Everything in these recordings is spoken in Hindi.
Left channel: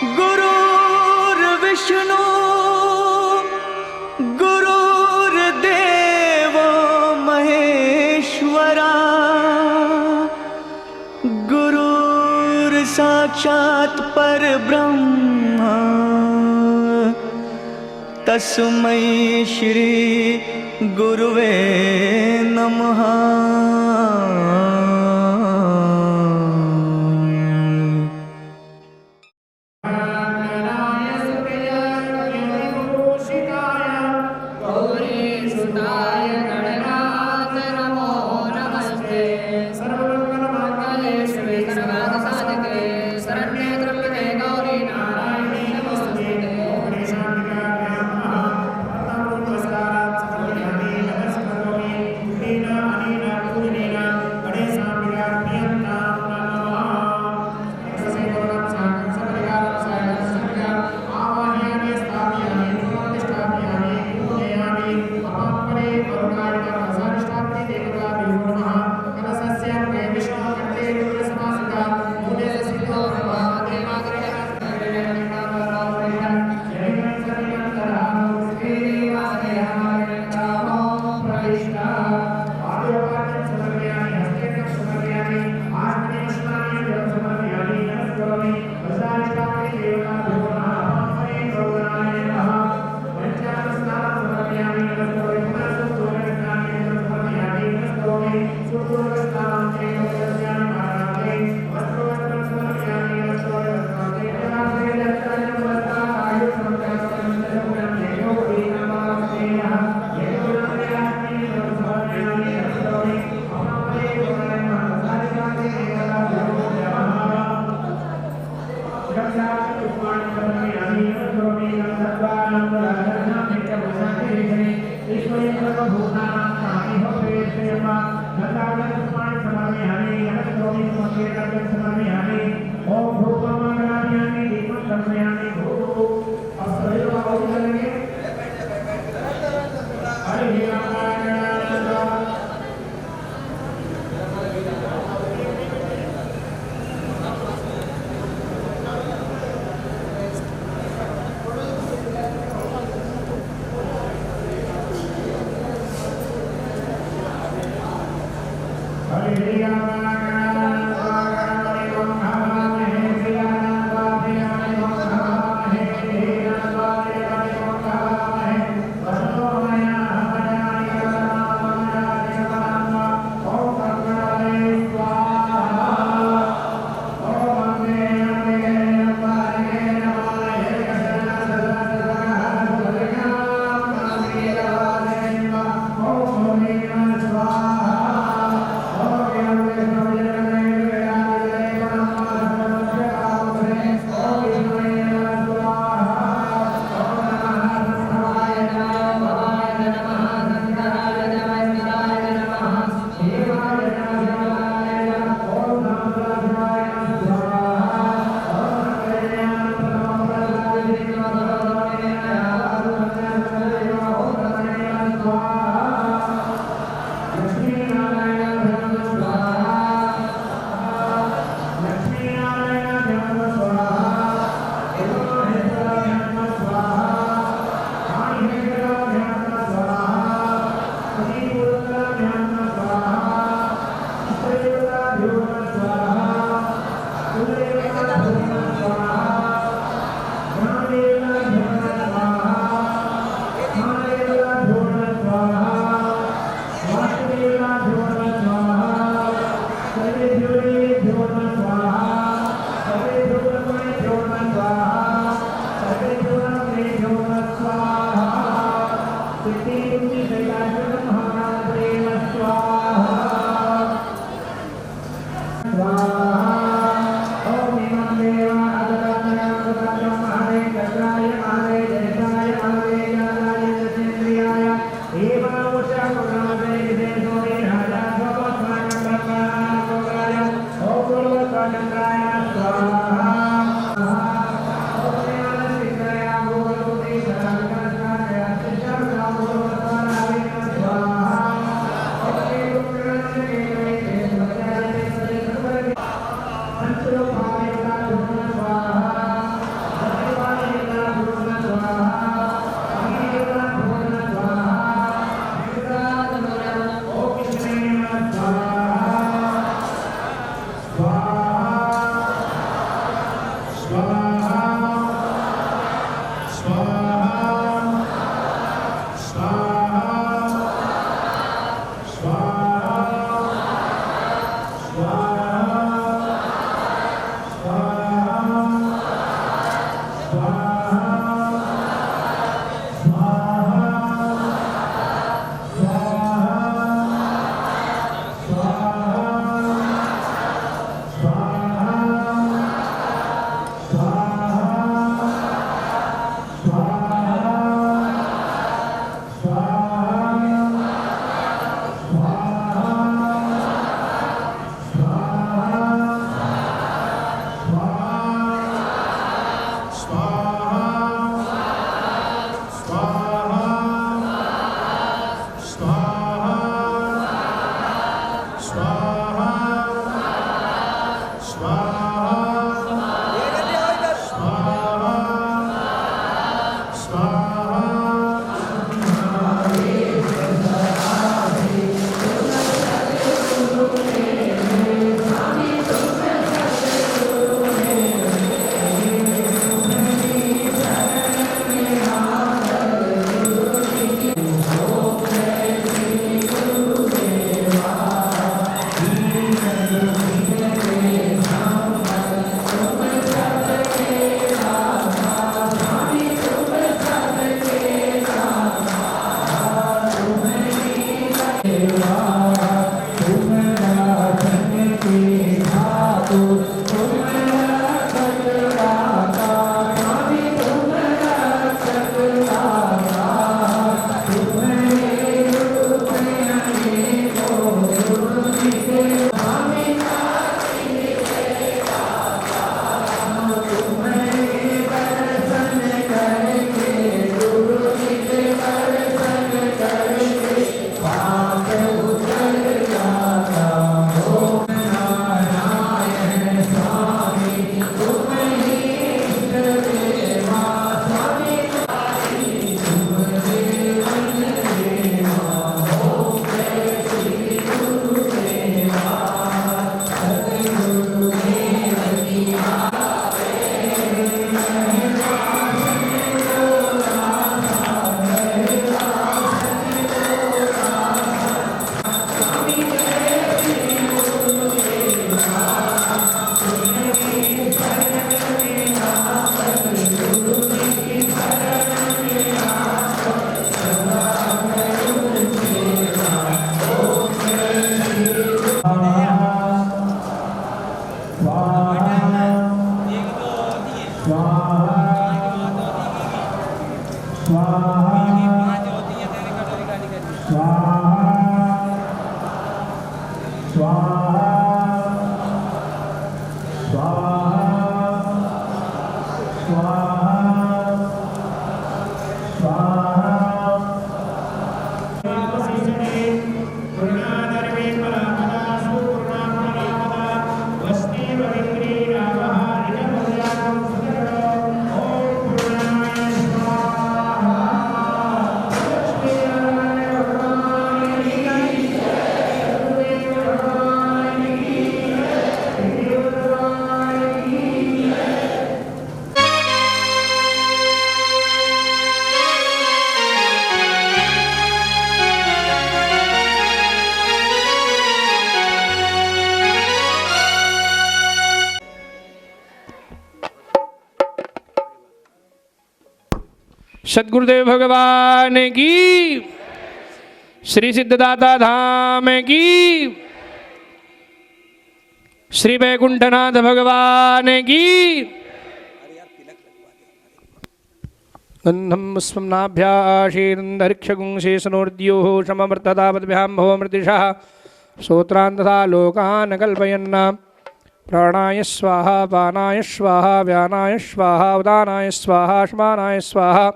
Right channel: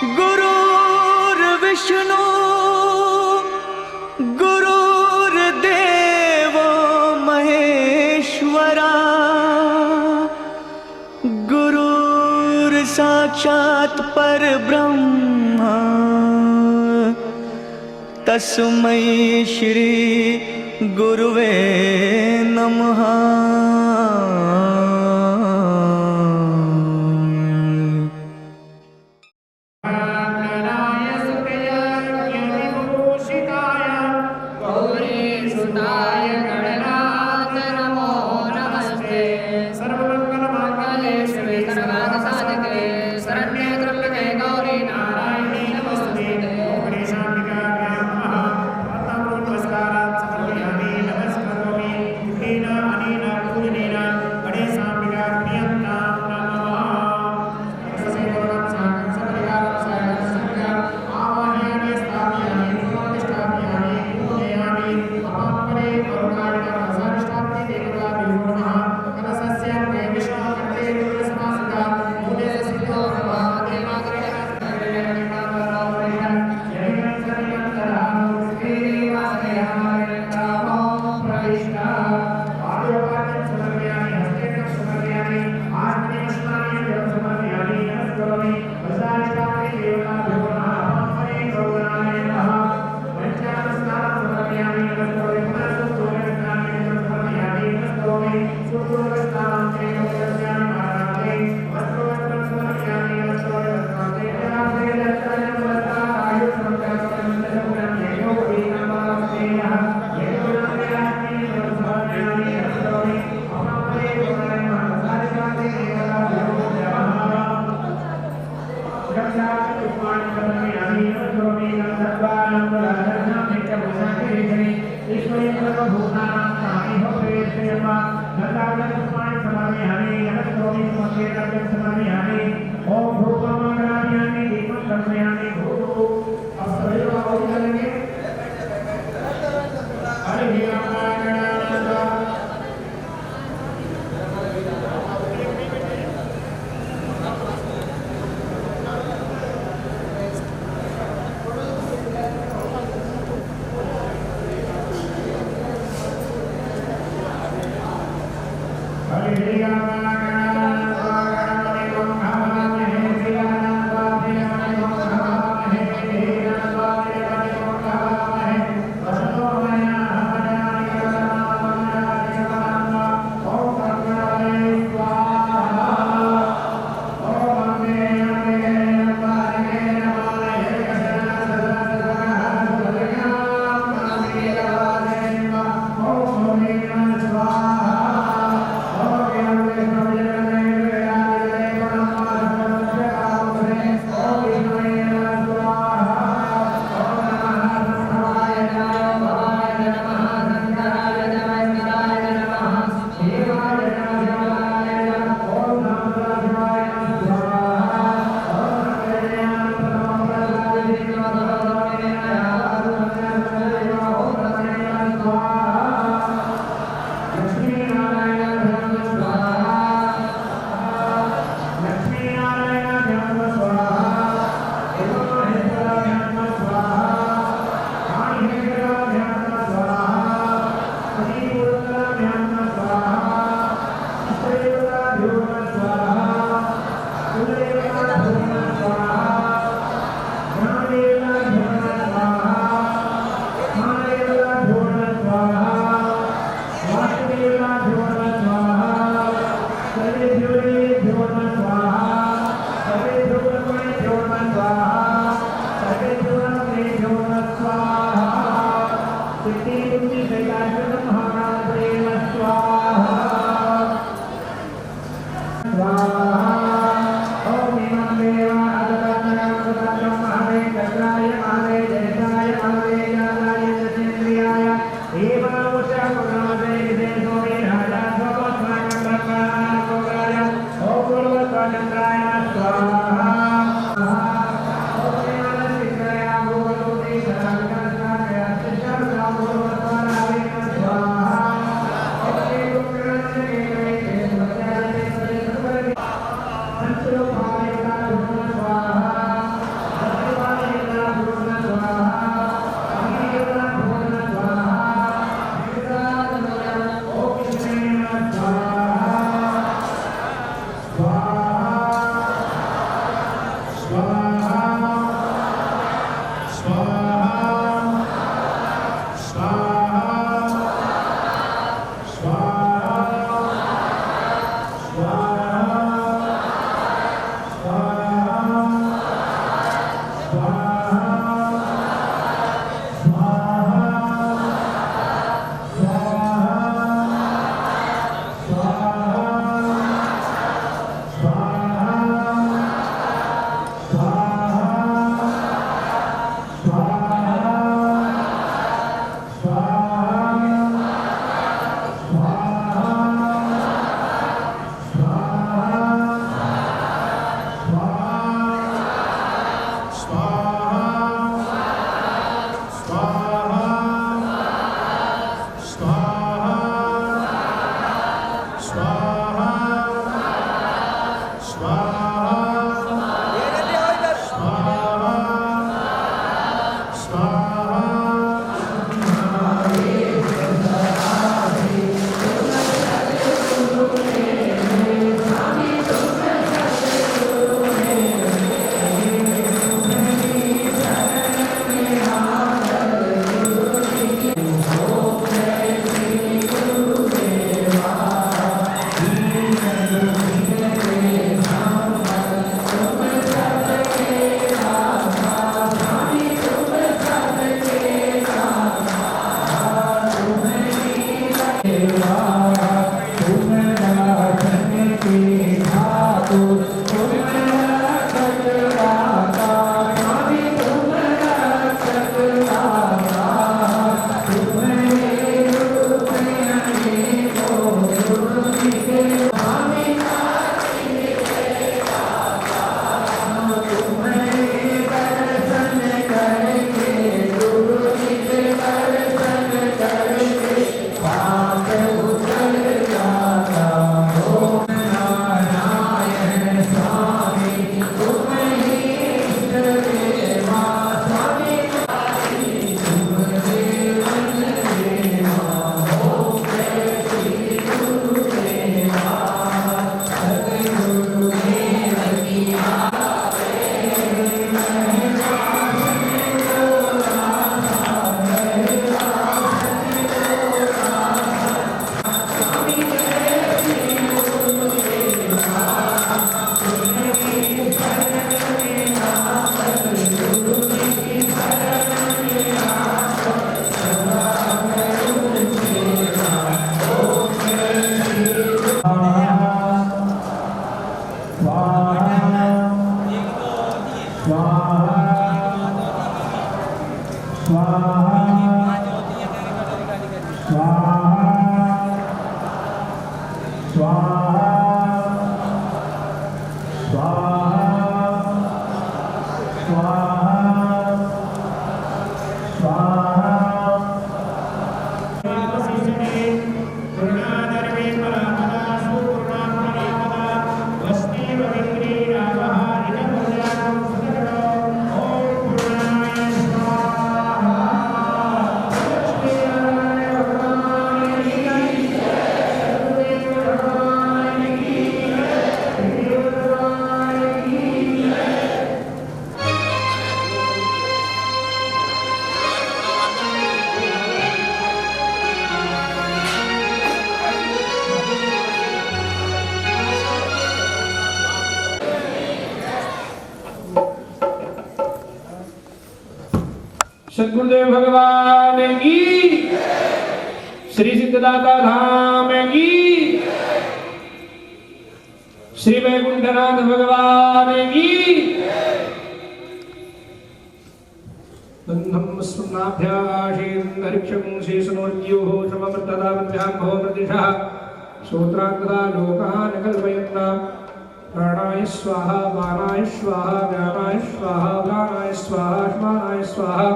गुरुर्विष्णु गुरुर्देवो महेश्वरा गुरुर्साक्षात् परब्रह्म तस्मै श्री गुरुवे नमः। Om Imam Deva Adara सद्गुरुदेव भगवान की, श्री सिद्धदाता धाम की, श्री वैकुंठनाथ भगवान की। गन्धं पुष्पम्नाभ्याशीर्न्दरिक्षगुं शेषनोर्द्योः सममृततावद्भ्यां भवमृतिशः श्रोत्रान्तथा लोकान् कल्पयन् प्राणाय स्वाहा पानाय स्वाहा व्यानाय स्वाहा उदानाय स्वाहा श्मानाय स्वाहा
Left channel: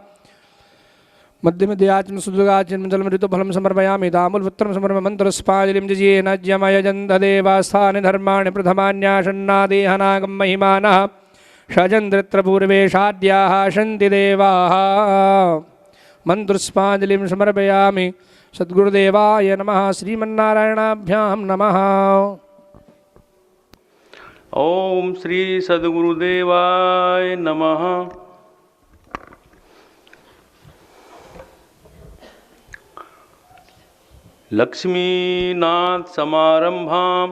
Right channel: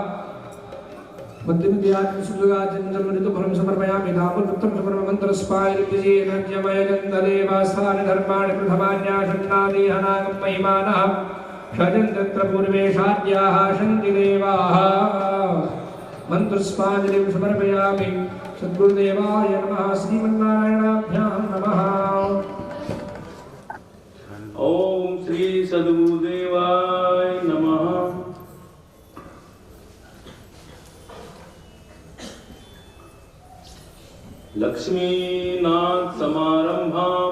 मध्यमध्याज्ञं सुदुगाज्ञं जलमृतुफलं समर्पयामि दामुलपुत्रं समर्पयामि मन्त्रस्पादिं जिजेन ज्यमयजन्तदेवास्थानि धर्माणि प्रथमान्यासन्नादेहनागं महिमानः षजन्द्रत्र पूर्वेशाद्याः सन्ति देवाः मन्त्रस्पादिं समर्पयामि सद्गुरुदेवाय नमः श्रीमन्नारायणाभ्यां नमः। ओम श्री सद्गुरुदेवाय नमः। लक्ष्मीनाथ समारंभां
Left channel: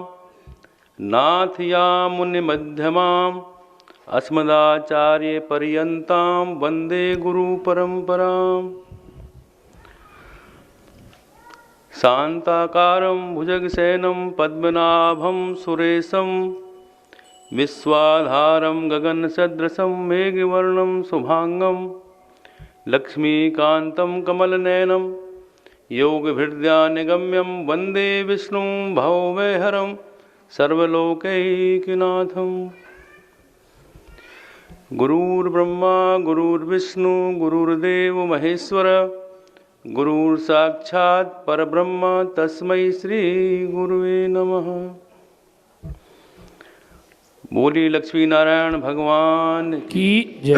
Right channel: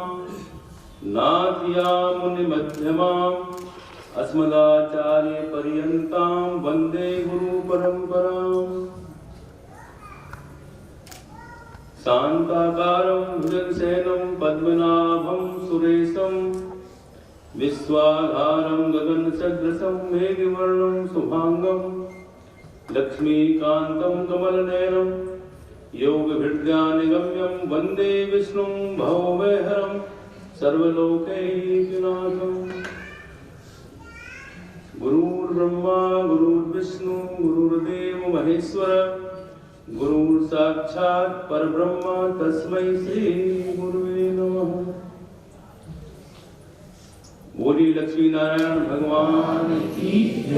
नाथयामुनिमध्यमां अस्मदाचार्यपर्यन्तां वन्दे गुरुपरम्पराम् शान्ताकारं भुजगशयनं पद्मनाभं सुरेशं विश्वाधारं गगनसदृशं मेघवर्णं शुभांगं लक्ष्मीकान्तं कमलनयनं योगभृद्यानिगम्यं वन्दे विष्णुं भवभयहरं सर्वलोकैकनाथम्। गुरुर्ब्रह्मा गुरुर्विष्णु गुरुर्देव महेश्वर गुरुर्साक्षात् परब्रह्म तस्मै श्री गुरुवे नमः। बोली लक्ष्मी नारायण भगवान की जय।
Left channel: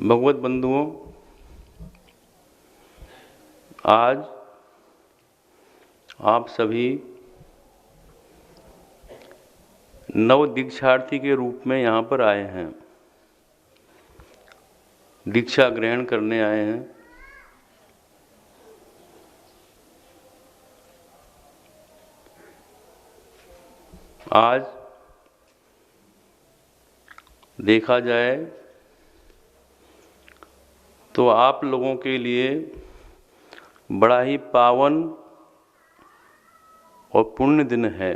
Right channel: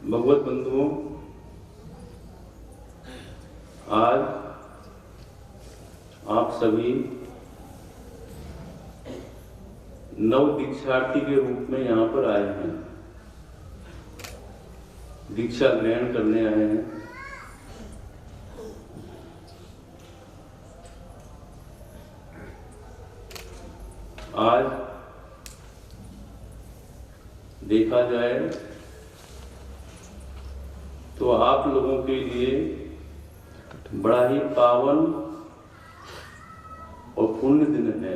भगवत बंधुओं, आज आप सभी नव दीक्षार्थी के रूप में यहाँ पर आए हैं, दीक्षा ग्रहण करने आए हैं। आज देखा जाए तो आप लोगों के लिए बड़ा ही पावन और पुण्य दिन है,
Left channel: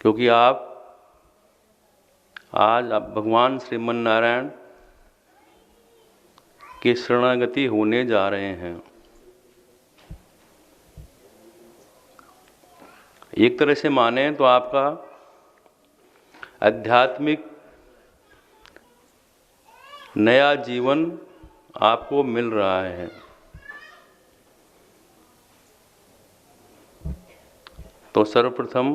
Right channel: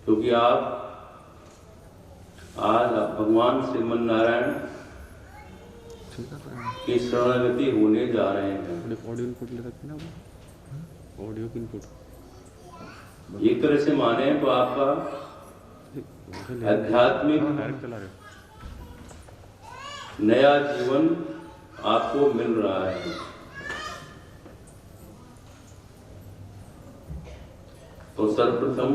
क्योंकि आप भगवान श्रीमन नारायण के शरणागति होने जा रहे हैं। एक तरह से माने तो आपका आध्यात्मिक नया जीवन आपको मिल रहा है। तो सर्वप्रथम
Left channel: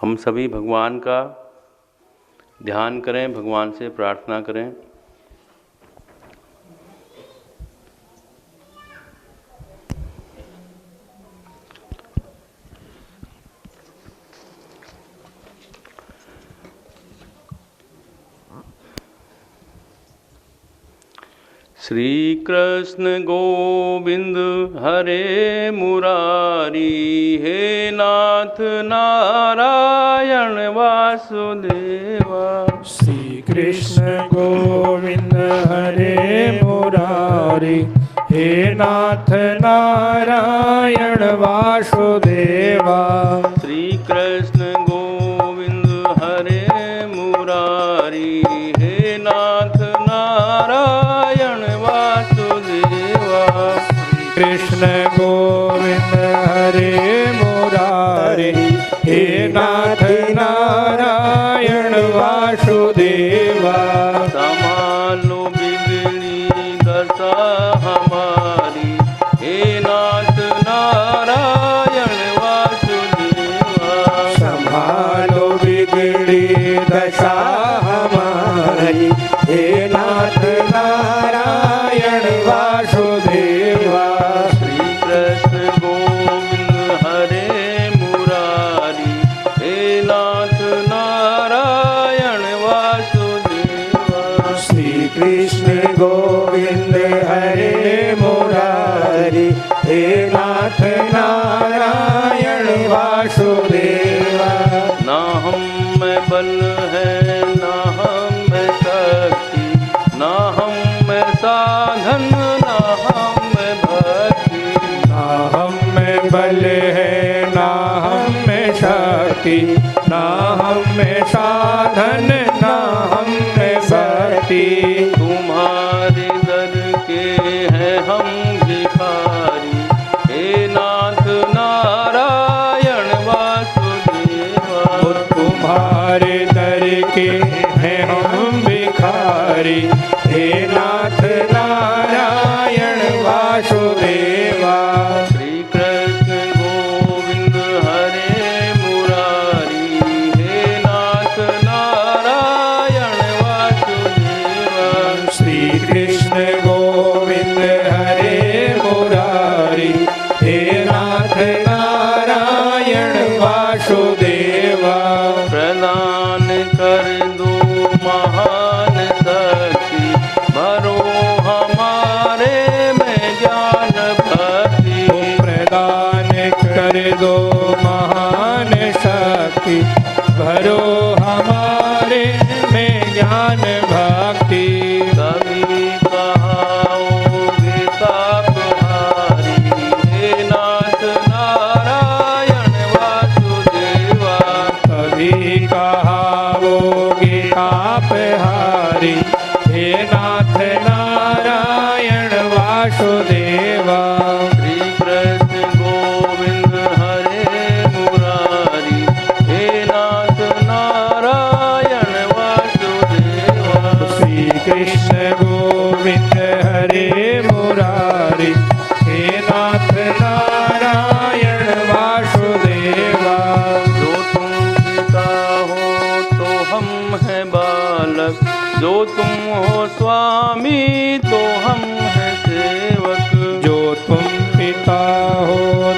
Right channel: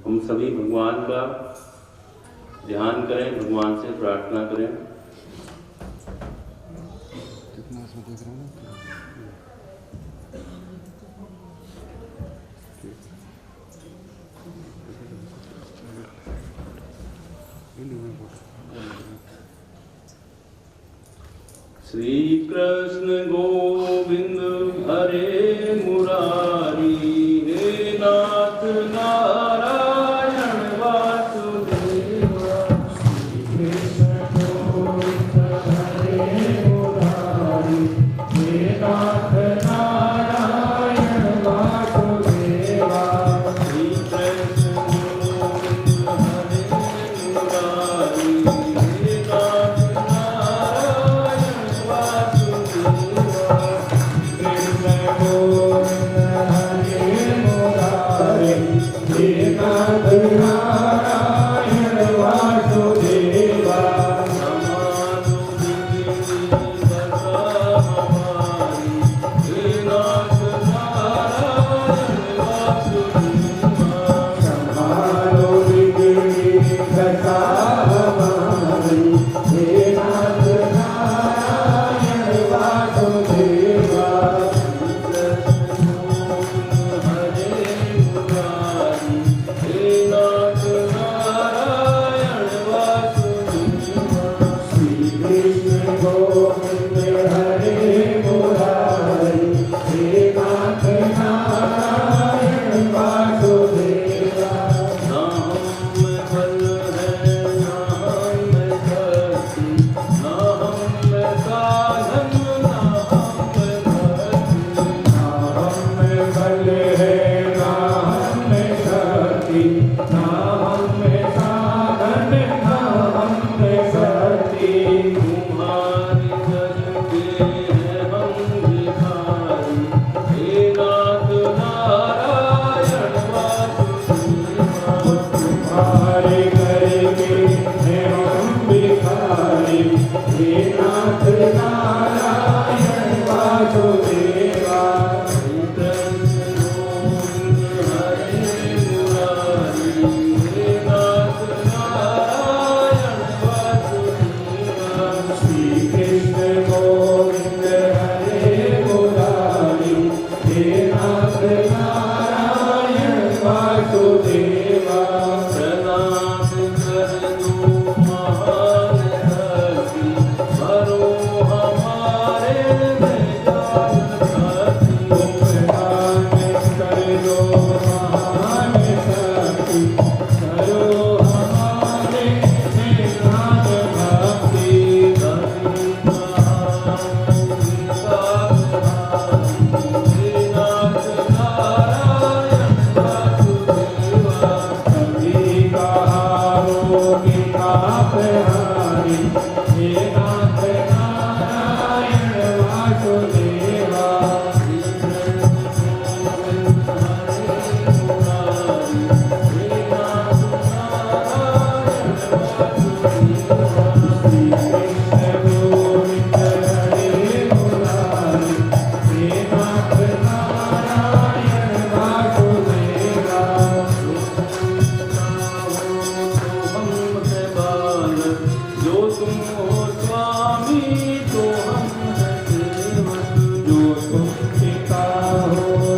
हम सभी भगवान का ध्यान करें, भगवान से प्रार्थना करें। श्री कृष्ण गोविंद हरे मुरारी, हे नाथ नारायण वासुदेवा। श्री कृष्ण गोविंद हरे मुरारी, हे नाथ नारायण वासुदेवा। श्री कृष्ण गोविंद हरे मुरारी, हे नाथ नारायण वासुदेवा। कृष्ण गोविंद हरे मुरारी, हे नाथ नारायण वासुदेवा। समानु बिगड़ी दशा हमारी, हे वासुदेवा। श्री कृष्ण गोविंद हरे मुरारी, हे नाथ नारायण वासुदेवा। श्री कृष्ण गोविंद हरे मुरारी, हे नाथ नारायण वासुदेवा। जो तुम पिता हो तो हम हैं बालक, जो तुम हो स्वामी तो हम हैं सेवक। जो तुम पिता हो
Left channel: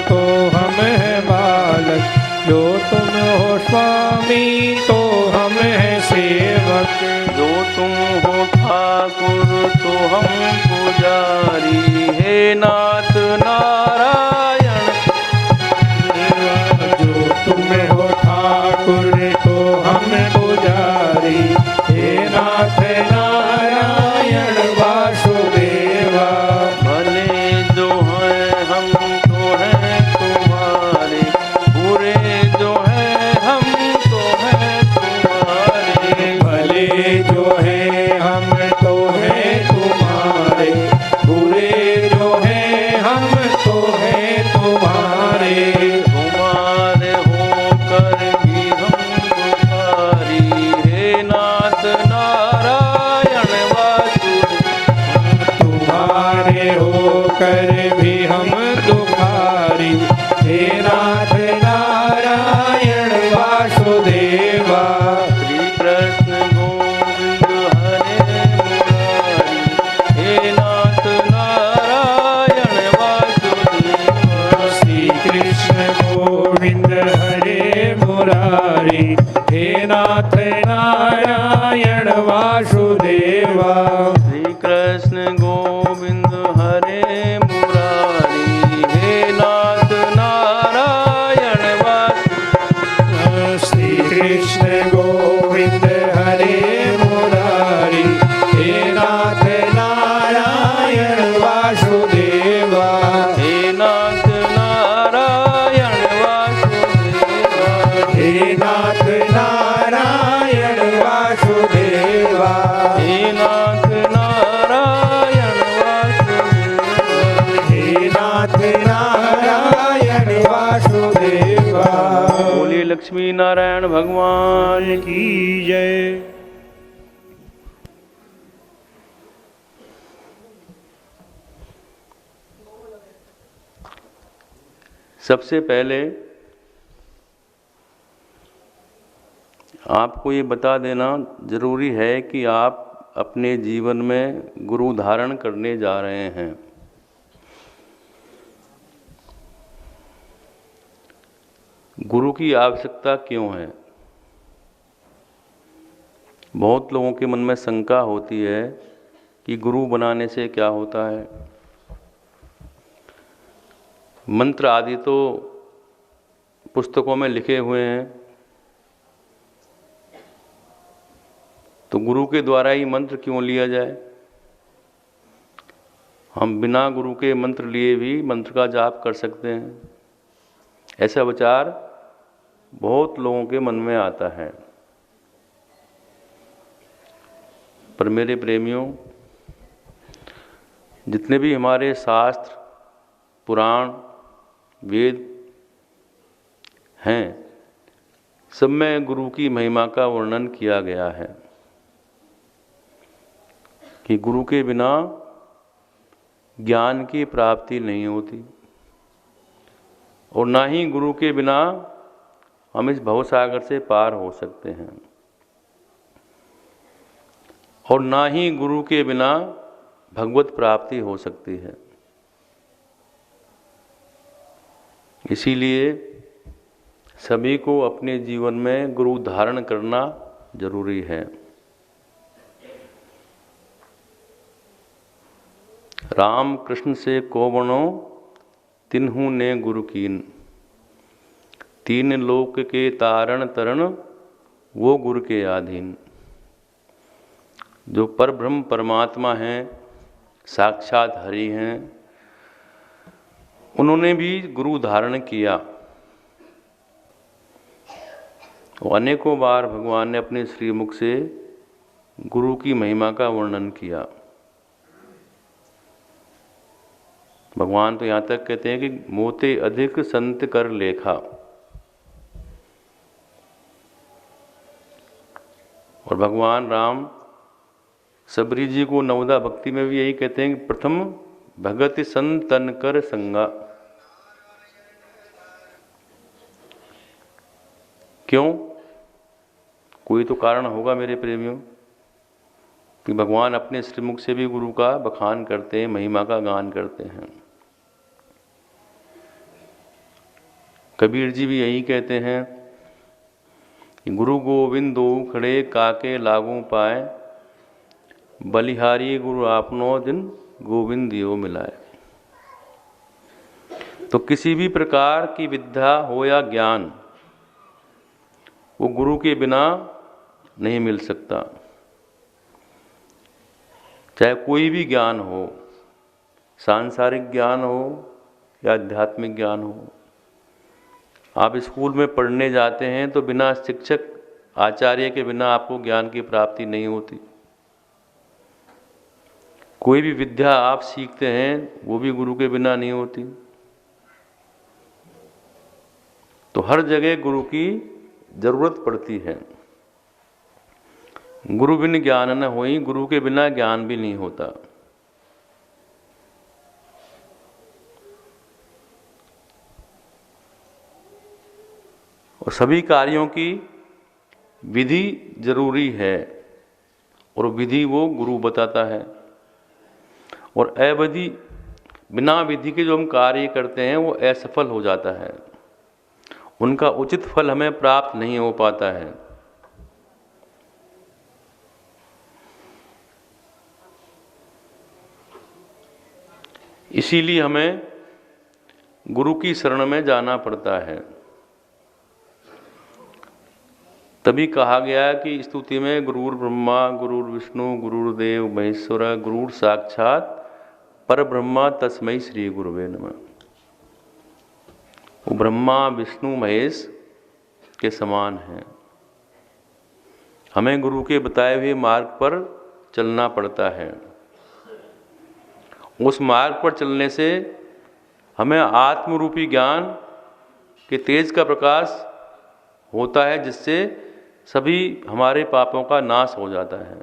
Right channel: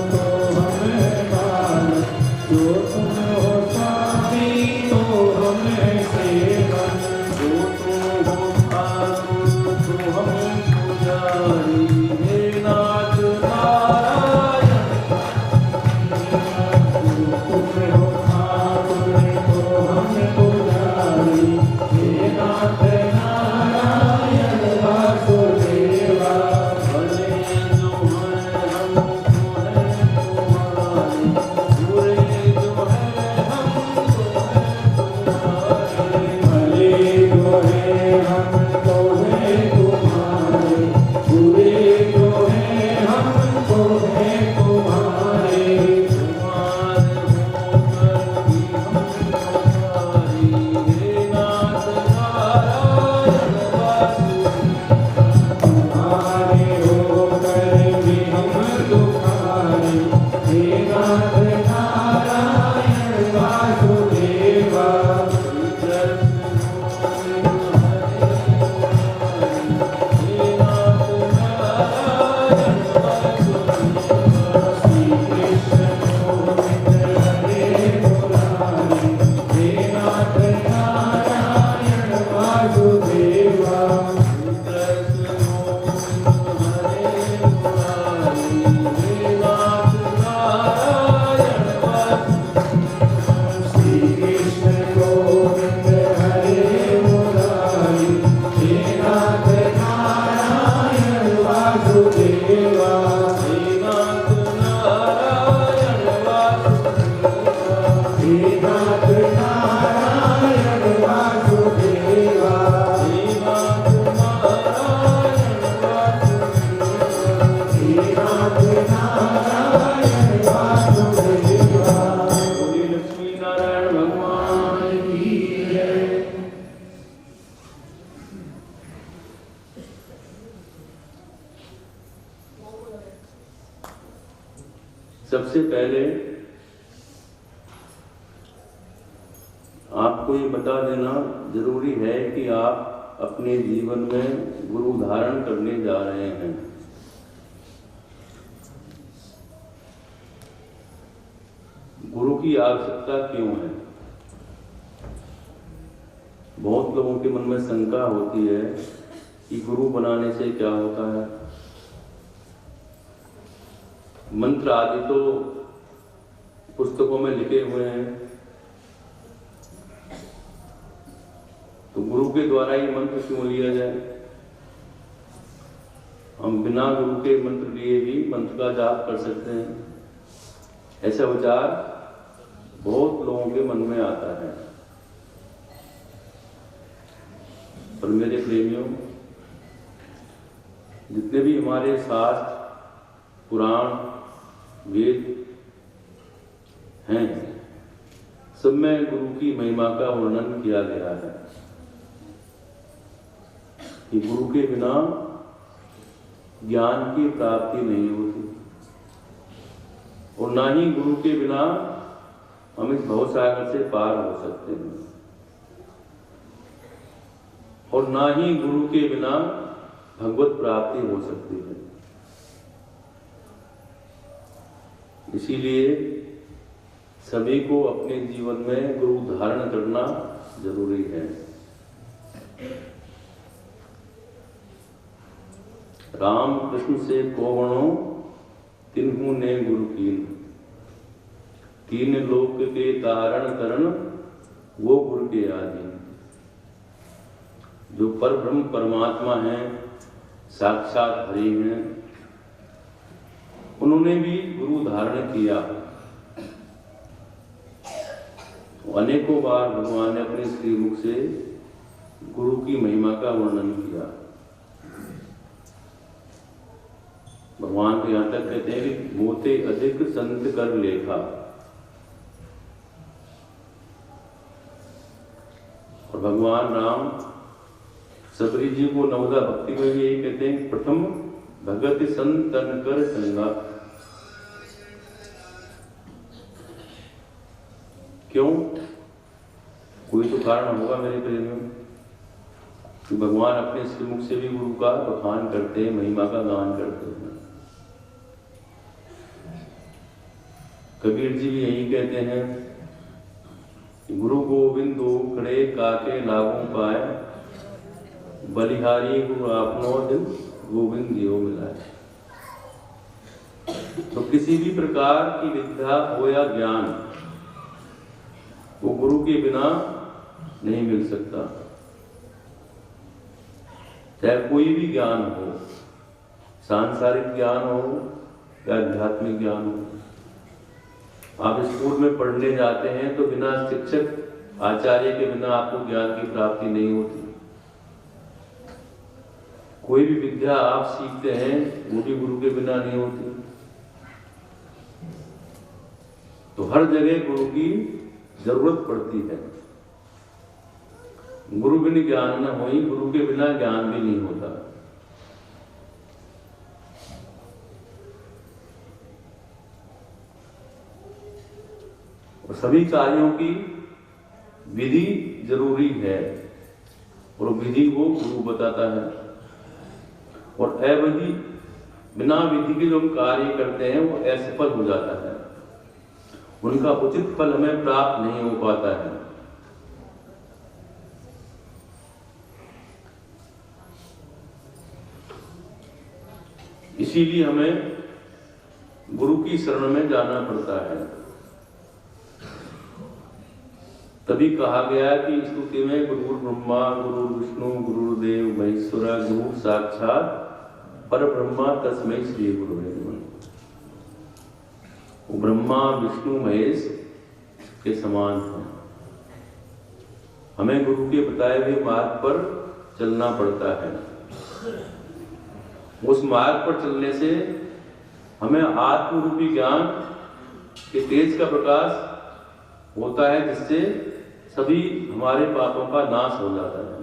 तो हम हैं बालक, जो तुम हो स्वामी तो हम हैं सेवक। जो तुम हो ठाकुर तो हम पुजारी, हे नाथ नारायण। जो तुम हो ठाकुर तो हम पुजारी, हे नाथ नारायण वासुदेवा। भले जो हैं हम तो हैं तुम्हारे, बुरे जो हैं हम तो हैं तुम्हारे। भले जो है हम तो हैं तुम्हारे, बुरे जो है हम तो हैं तुम्हारे। तुम्हारे होकर भी हम तुम्हारी, हे नाथ नारायण वासुदेवा। तुम्हारे होकर भी हम तुम्हारे, हे नाथ नारायण वासुदेवा। श्री कृष्ण गोविंद हरे मुरारी, हे नाथ नारायण वासुदेवा। श्री कृष्ण गोविंद हरे मुरारी, हे नाथ नारायण वासुदेवा। श्री कृष्ण गोविंद हरे मुरारी, हे नाथ नारायण वासुदेवा। श्री कृष्ण गोविंद हरे मुरारी, हे नाथ नारायण वासुदेवा। हे नाथ नारायण वासुदेवा। हे नाथ नारायण वासुदेवा। हे नाथ नारायण वासुदेवा। हे नाथ नारायण वासुदेवा। बोलिए लक्ष्मी नारायण भगवान की जय। सबसे पहले आपको ये बता देना जरूरी है कि आप अपने जीवन में गुरु धारण करने जा रहे हैं। गुरु की आवश्यकता क्यों है? बहुत लोगों के मन में शंका होती है कि गुरु बनाने से क्या होता है। मंत्र आदि तो पुस्तकों में लिखे हुए हैं, तो गुरु के द्वारा ही मंत्र क्यों लिया जाए? हम बिना गुरु के मंत्र लिए भी मंत्र का जाप कर सकते हैं। ऐसा विचार बहुत लोगों के मन में आता है। पर मेरे प्रेमियों, जितने भी हमारे शास्त्र, पुराण, वेद हैं, सब में गुरु की महिमा का वर्णन किया गया है कि गुरु के बिना ज्ञान की प्राप्ति नहीं होती और ना ही गुरु के बिना हम इस भवसागर से पार हो सकते हैं और ना ही गुरु के बिना भगवत प्राप्ति हो सकती है। इसीलिए सभी को अपने जीवन में गुरु धारण करना जरूरी है। राम कृष्ण से को बनो तिन्हु ने गुरु कीन, तीन लोक के तारण तरण वो गुरु के अधीन। जो पर ब्रह्म परमात्मा हैं, साक्षात हरि हैं, उन्होंने भी गुरु धारण किया। अनेकों बार भगवान ने अपने श्रीमुख से गुरु की महिमा का वर्णन किया। भगवान तो यहाँ तक कहते हैं कि मोते अधिक संत कर लेखा। और भगवान राम सबरी जी को नवदा भक्ति में भी यही कहते हैं कि प्रथम भगत संतन कर संगा। क्यों? कोई तो कारण होगा मेरे प्रेमियों कि भगवान अपने श्रीमुख से भी गुरु का बखान करते हैं, महिमा का गान करते हैं। कबीर जी भी यही कहते हैं कि गुरु गोविंदो खड़े काके लागू पाए, बलिहारी गुरु आपनो दिन गोविंद यो मिलाए। तो किसी भी प्रकार की विद्या हो या ज्ञान, वो गुरु के बिना नहीं मिल सकता। चाहे कोई भी ज्ञान हो, सांसारिक ज्ञान हो या आध्यात्मिक ज्ञान हो। आप स्कूल में पढ़ने जाते हैं तो बिना शिक्षक आचार्य के बिना आपको ज्ञान की प्राप्ति नहीं होती। कोई भी विद्या आप सीखते हैं वो भी गुरु के बिना नहीं होती। तो हर जगह गुरु की जरूरत पड़ती है। गुरु बिन ज्ञान न होई, गुरु के बिना ज्ञान भी नहीं होता। और सभी कार्यों की विधि जरूरी है और विधि वो गुरु बताता है। और अविधि, बिना विधि के जो हम कार्य करते हैं वो असफल हो जाता है, उनका उचित फल हमें प्राप्त नहीं हो पाता है। इसीलिए हमें गुरु की शरण में जाना पड़ता है। तभी कहा गया कि स्तुति में गुरुर ब्रह्मा गुरुर विष्णु गुरुर्देव महेश्वरा गुरुर साक्षात पर ब्रह्मा तस्मै श्री गुरुवे नमः। वो ब्रह्मा विष्णु महेश के समान है। हमें गुरु के बताए हुए मार्ग पर चलना पड़ता है। उस मार्ग पर चलने से हमें आत्मरूपी ज्ञान के तेज का प्रकाश होता है, जिससे सभी हमारे पापों का नाश हो जाता है।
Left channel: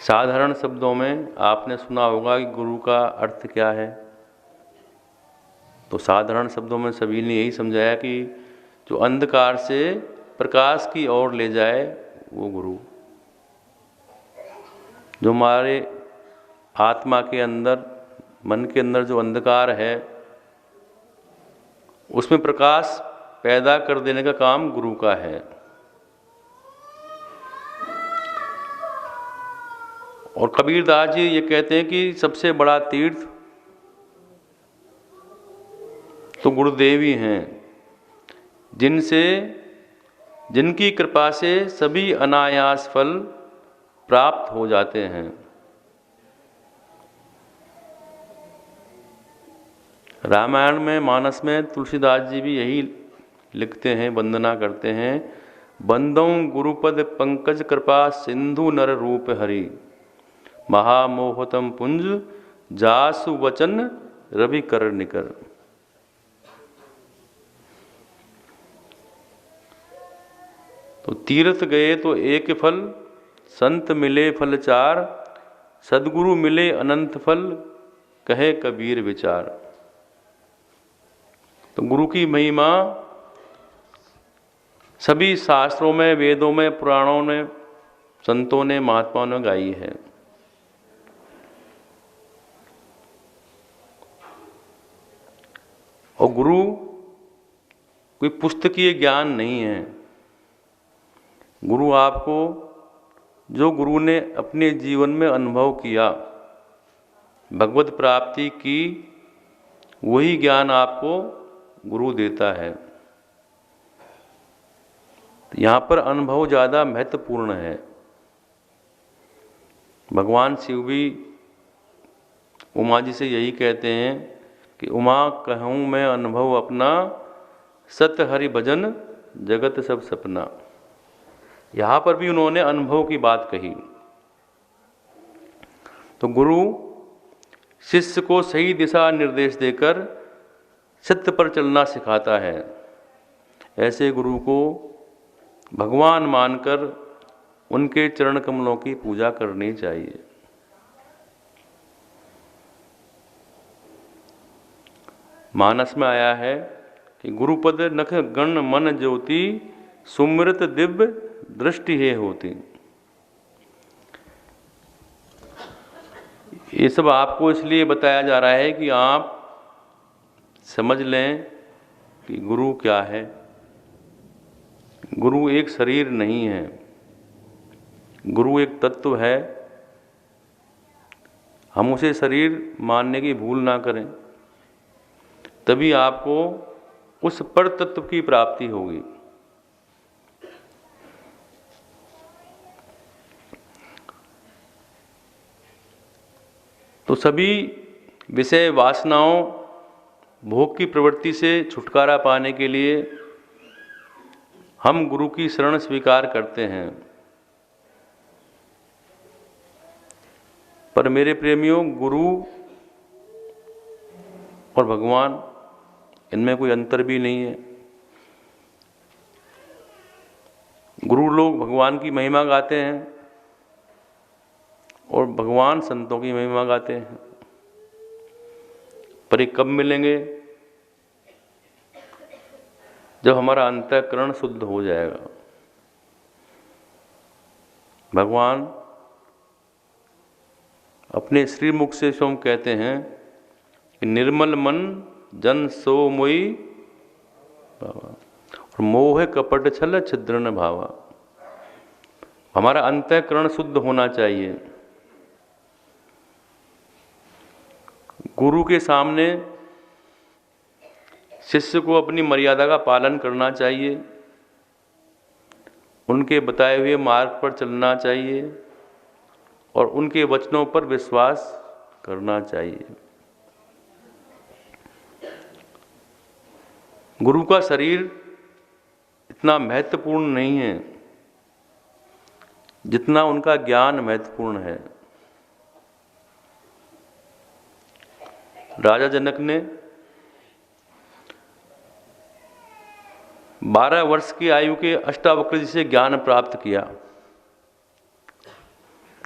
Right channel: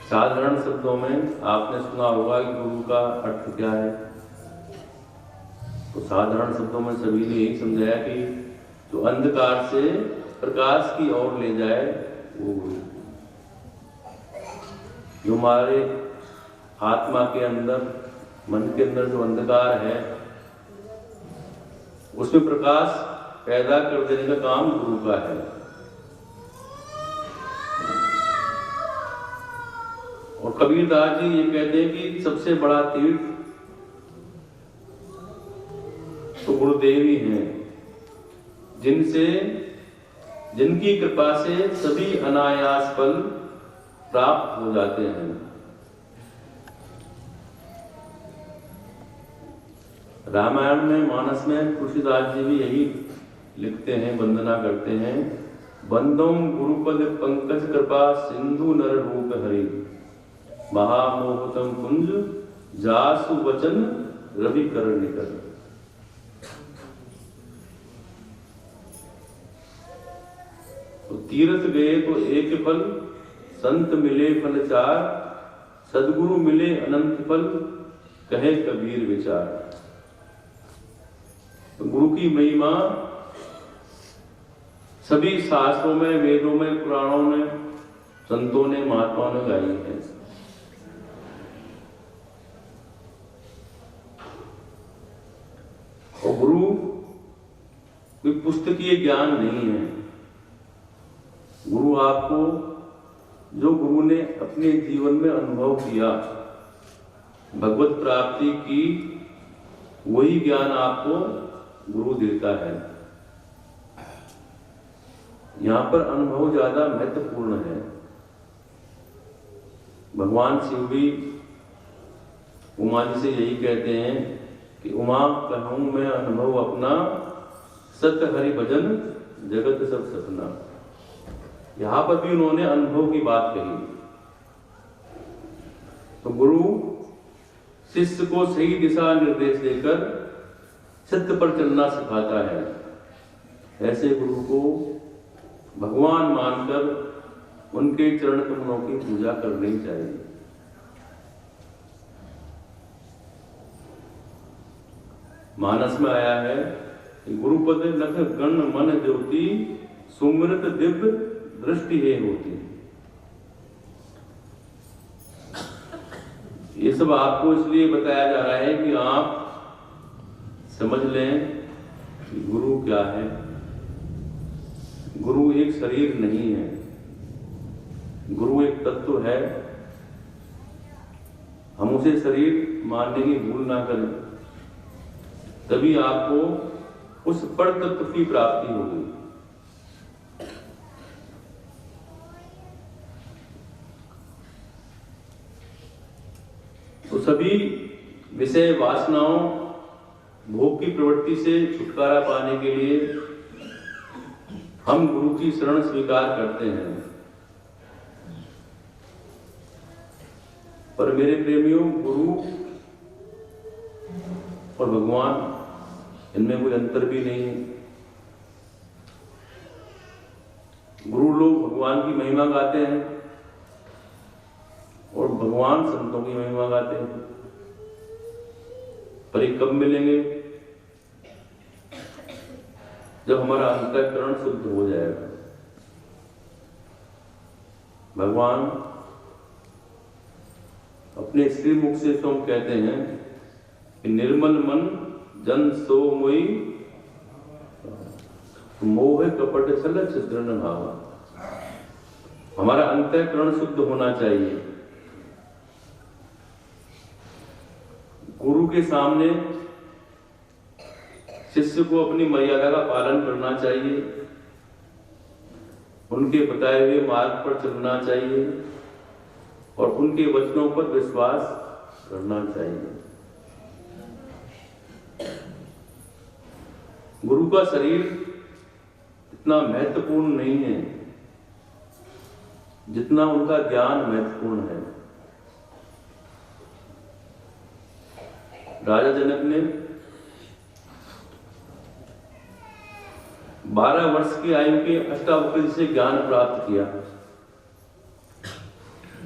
साधारण शब्दों में आपने सुना होगा कि गुरु का अर्थ क्या है। तो साधारण शब्दों में सभी ने यही समझाया कि जो अंधकार से प्रकाश की ओर ले जाए वो गुरु। जो हमारे आत्मा के अंदर, मन के अंदर जो अंधकार है, उसमें प्रकाश पैदा कर देने का काम गुरु का है। और कबीरदास जी ये कहते हैं कि सबसे बड़ा तीर्थ तो गुरुदेव ही हैं, जिनकी कृपा से सभी अनायास फल प्राप्त हो जाते हैं। रामायण में, मानस में तुलसीदास जी भी यही लिखते हैं, वंदना करते हैं। बंदम गुरुपद पंकज कृपा सिंधु नर रूप हरि, महामोहतम पुंज जासु वचन रवि कर निकर। तो तीर्थ गए तो एक फल, संत मिले फल चार, सदगुरु मिले अनंत फल, कहे कबीर विचार। तो गुरु की महिमा सभी शास्त्रों में, वेदों में, पुराणों ने, संतों ने, महात्माओं ने गाई है। और गुरु कोई पुस्तकीय ज्ञान नहीं है। गुरु आपको, जो गुरु ने अपने जीवन में अनुभव किया, भगवत प्राप्ति की, वही ज्ञान आपको गुरु देता है। यहाँ पर अनुभव ज़्यादा महत्वपूर्ण है। भगवान शिव भी उमा जी से यही कहते हैं कि उमा कहूँ मैं अनुभव अपना, सत हरि भजन जगत सब सपना। यहाँ पर भी उन्होंने अनुभव की बात कही। तो गुरु शिष्य को सही दिशा निर्देश देकर सत्य पर चलना सिखाता है। ऐसे गुरु को भगवान मानकर उनके चरण कमलों की पूजा करनी चाहिए। मानस में आया है कि गुरुपद नख कर्ण मन ज्योति सुमृत दिव्य दृष्टि है होती। ये सब आपको इसलिए बताया जा रहा है कि आप समझ लें कि गुरु क्या है। गुरु एक शरीर नहीं है, गुरु एक तत्व है। हम उसे शरीर मानने की भूल ना करें, तभी आपको उस पर तत्व की प्राप्ति होगी। तो सभी विषय वासनाओं भोग की प्रवृत्ति से छुटकारा पाने के लिए हम गुरु की शरण स्वीकार करते हैं। पर मेरे प्रेमियों, गुरु और भगवान, इनमें कोई अंतर भी नहीं है। गुरु लोग भगवान की महिमा गाते हैं और भगवान संतों की महिमा गाते हैं। पर ये कब मिलेंगे? जब हमारा अंतःकरण शुद्ध हो जाएगा। भगवान अपने श्रीमुख से स्वयं कहते हैं कि निर्मल मन जन सो मोई मोह कपट छल छिद्र न भावा। हमारा अंतःकरण शुद्ध होना चाहिए। गुरु के सामने शिष्य को अपनी मर्यादा का पालन करना चाहिए, उनके बताए हुए मार्ग पर चलना चाहिए और उनके वचनों पर विश्वास करना चाहिए। गुरु का शरीर इतना महत्वपूर्ण नहीं है जितना उनका ज्ञान महत्वपूर्ण है। राजा जनक ने 12 वर्ष की आयु के अष्टावक्र जी से ज्ञान प्राप्त किया।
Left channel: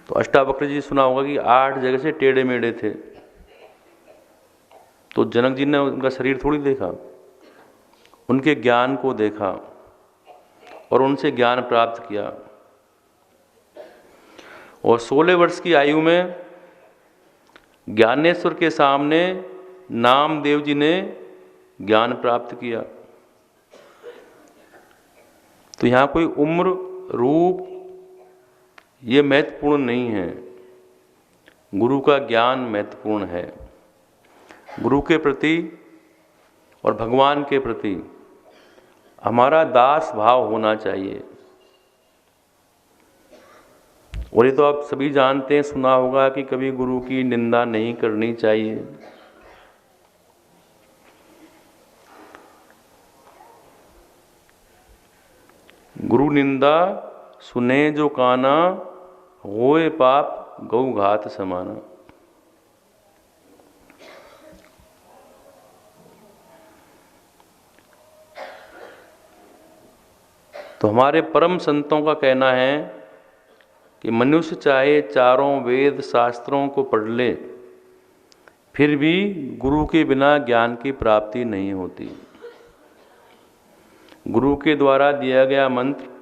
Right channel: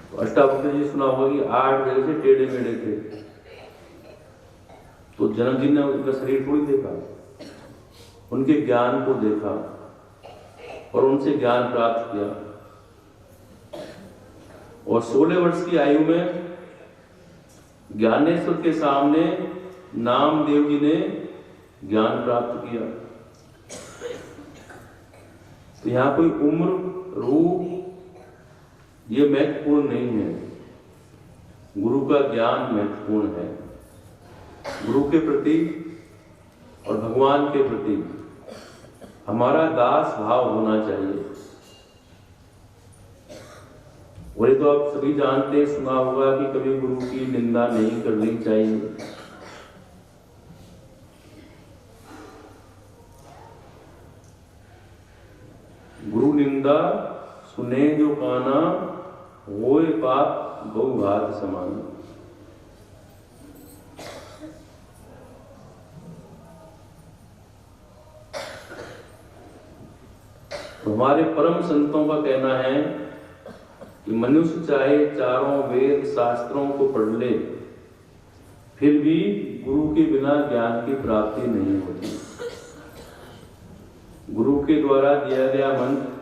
तो अष्टावक्र जी सुना होगा कि 8 जगह से टेढ़े मेढ़े थे। तो जनक जी ने उनका शरीर थोड़ी देखा, उनके ज्ञान को देखा और उनसे ज्ञान प्राप्त किया। और 16 वर्ष की आयु में ज्ञानेश्वर के सामने नामदेव जी ने ज्ञान प्राप्त किया। तो यहाँ कोई उम्र, रूप ये महत्वपूर्ण नहीं है। गुरु का ज्ञान महत्वपूर्ण है। गुरु के प्रति और भगवान के प्रति हमारा दास भाव होना चाहिए। और ये तो आप सभी जानते हैं, सुना होगा कि कभी गुरु की निंदा नहीं करनी चाहिए। गुरु निंदा सुने जो काना, होए पाप गौ घात समान। तो हमारे परम संतों का कहना है कि मनुष्य चाहे चारों वेद शास्त्रों को पढ़ ले, फिर भी गुरु के बिना ज्ञान की प्राप्ति नहीं होती। गुरु के द्वारा दिया गया मंत्र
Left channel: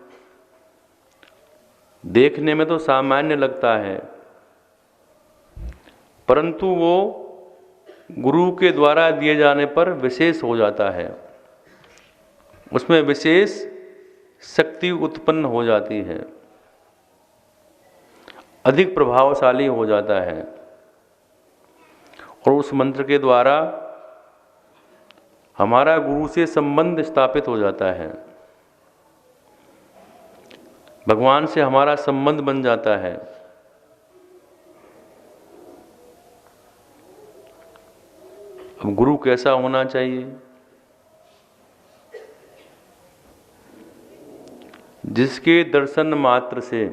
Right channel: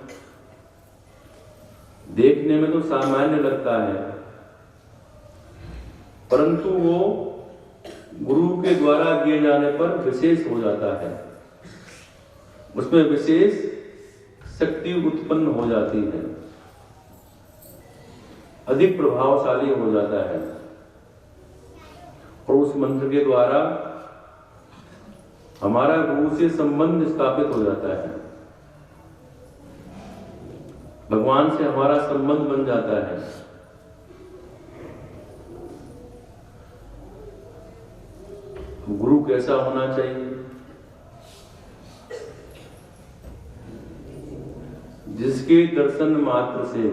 देखने में तो सामान्य लगता है, परंतु वो गुरु के द्वारा दिए जाने पर विशेष हो जाता है। उसमें विशेष शक्ति उत्पन्न हो जाती है, अधिक प्रभावशाली हो जाता है। और उस मंत्र के द्वारा हमारा गुरु से संबंध स्थापित हो जाता है, भगवान से हमारा संबंध बन जाता है। अब गुरु कैसा होना चाहिए? जिसके दर्शन मात्र से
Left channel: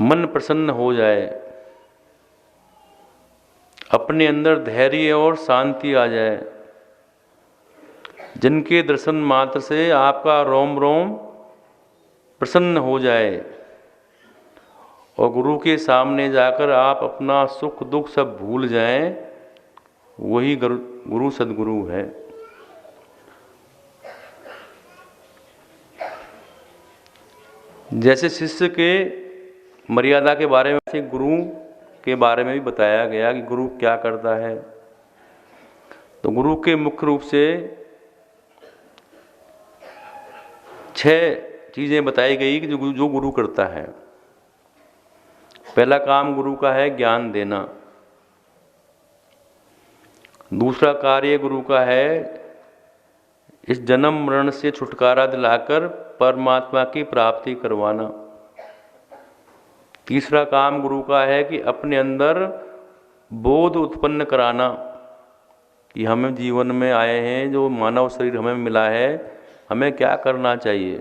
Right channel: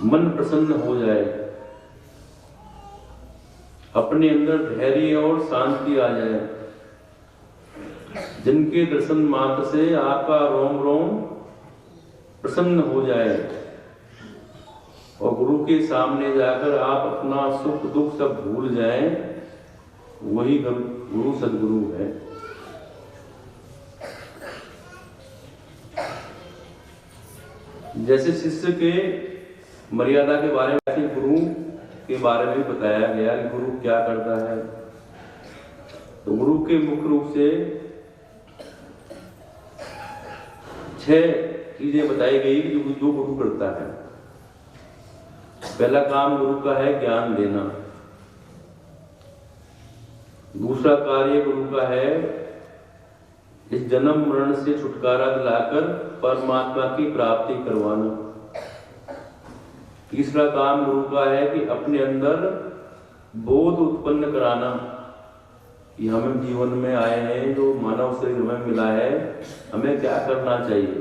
मन प्रसन्न हो जाए, अपने अंदर धैर्य और शांति आ जाए, जिनके दर्शन मात्र से आपका रोम रोम प्रसन्न हो जाए और गुरु के सामने जाकर आप अपना सुख दुख सब भूल जाएं, वही गुरु सद्गुरु है। जैसे शिष्य के मर्यादा के बारे में, वैसे गुरु के बारे में भी बताया गया कि गुरु क्या करता है। तो गुरु के मुख्य रूप से 6 चीजें बताई गई कि जो गुरु करता है। पहला काम गुरु का है ज्ञान देना। दूसरा कार्य गुरु का है इस जन्म मरण से छुटकारा दिलाकर परमात्मा की प्राप्ति करवाना। तीसरा काम गुरु का है कि अपने अंदर बोध उत्पन्न कराना कि हमें जीवन में आए हैं, जो मानव शरीर हमें मिला है, हमें क्या करना चाहिए,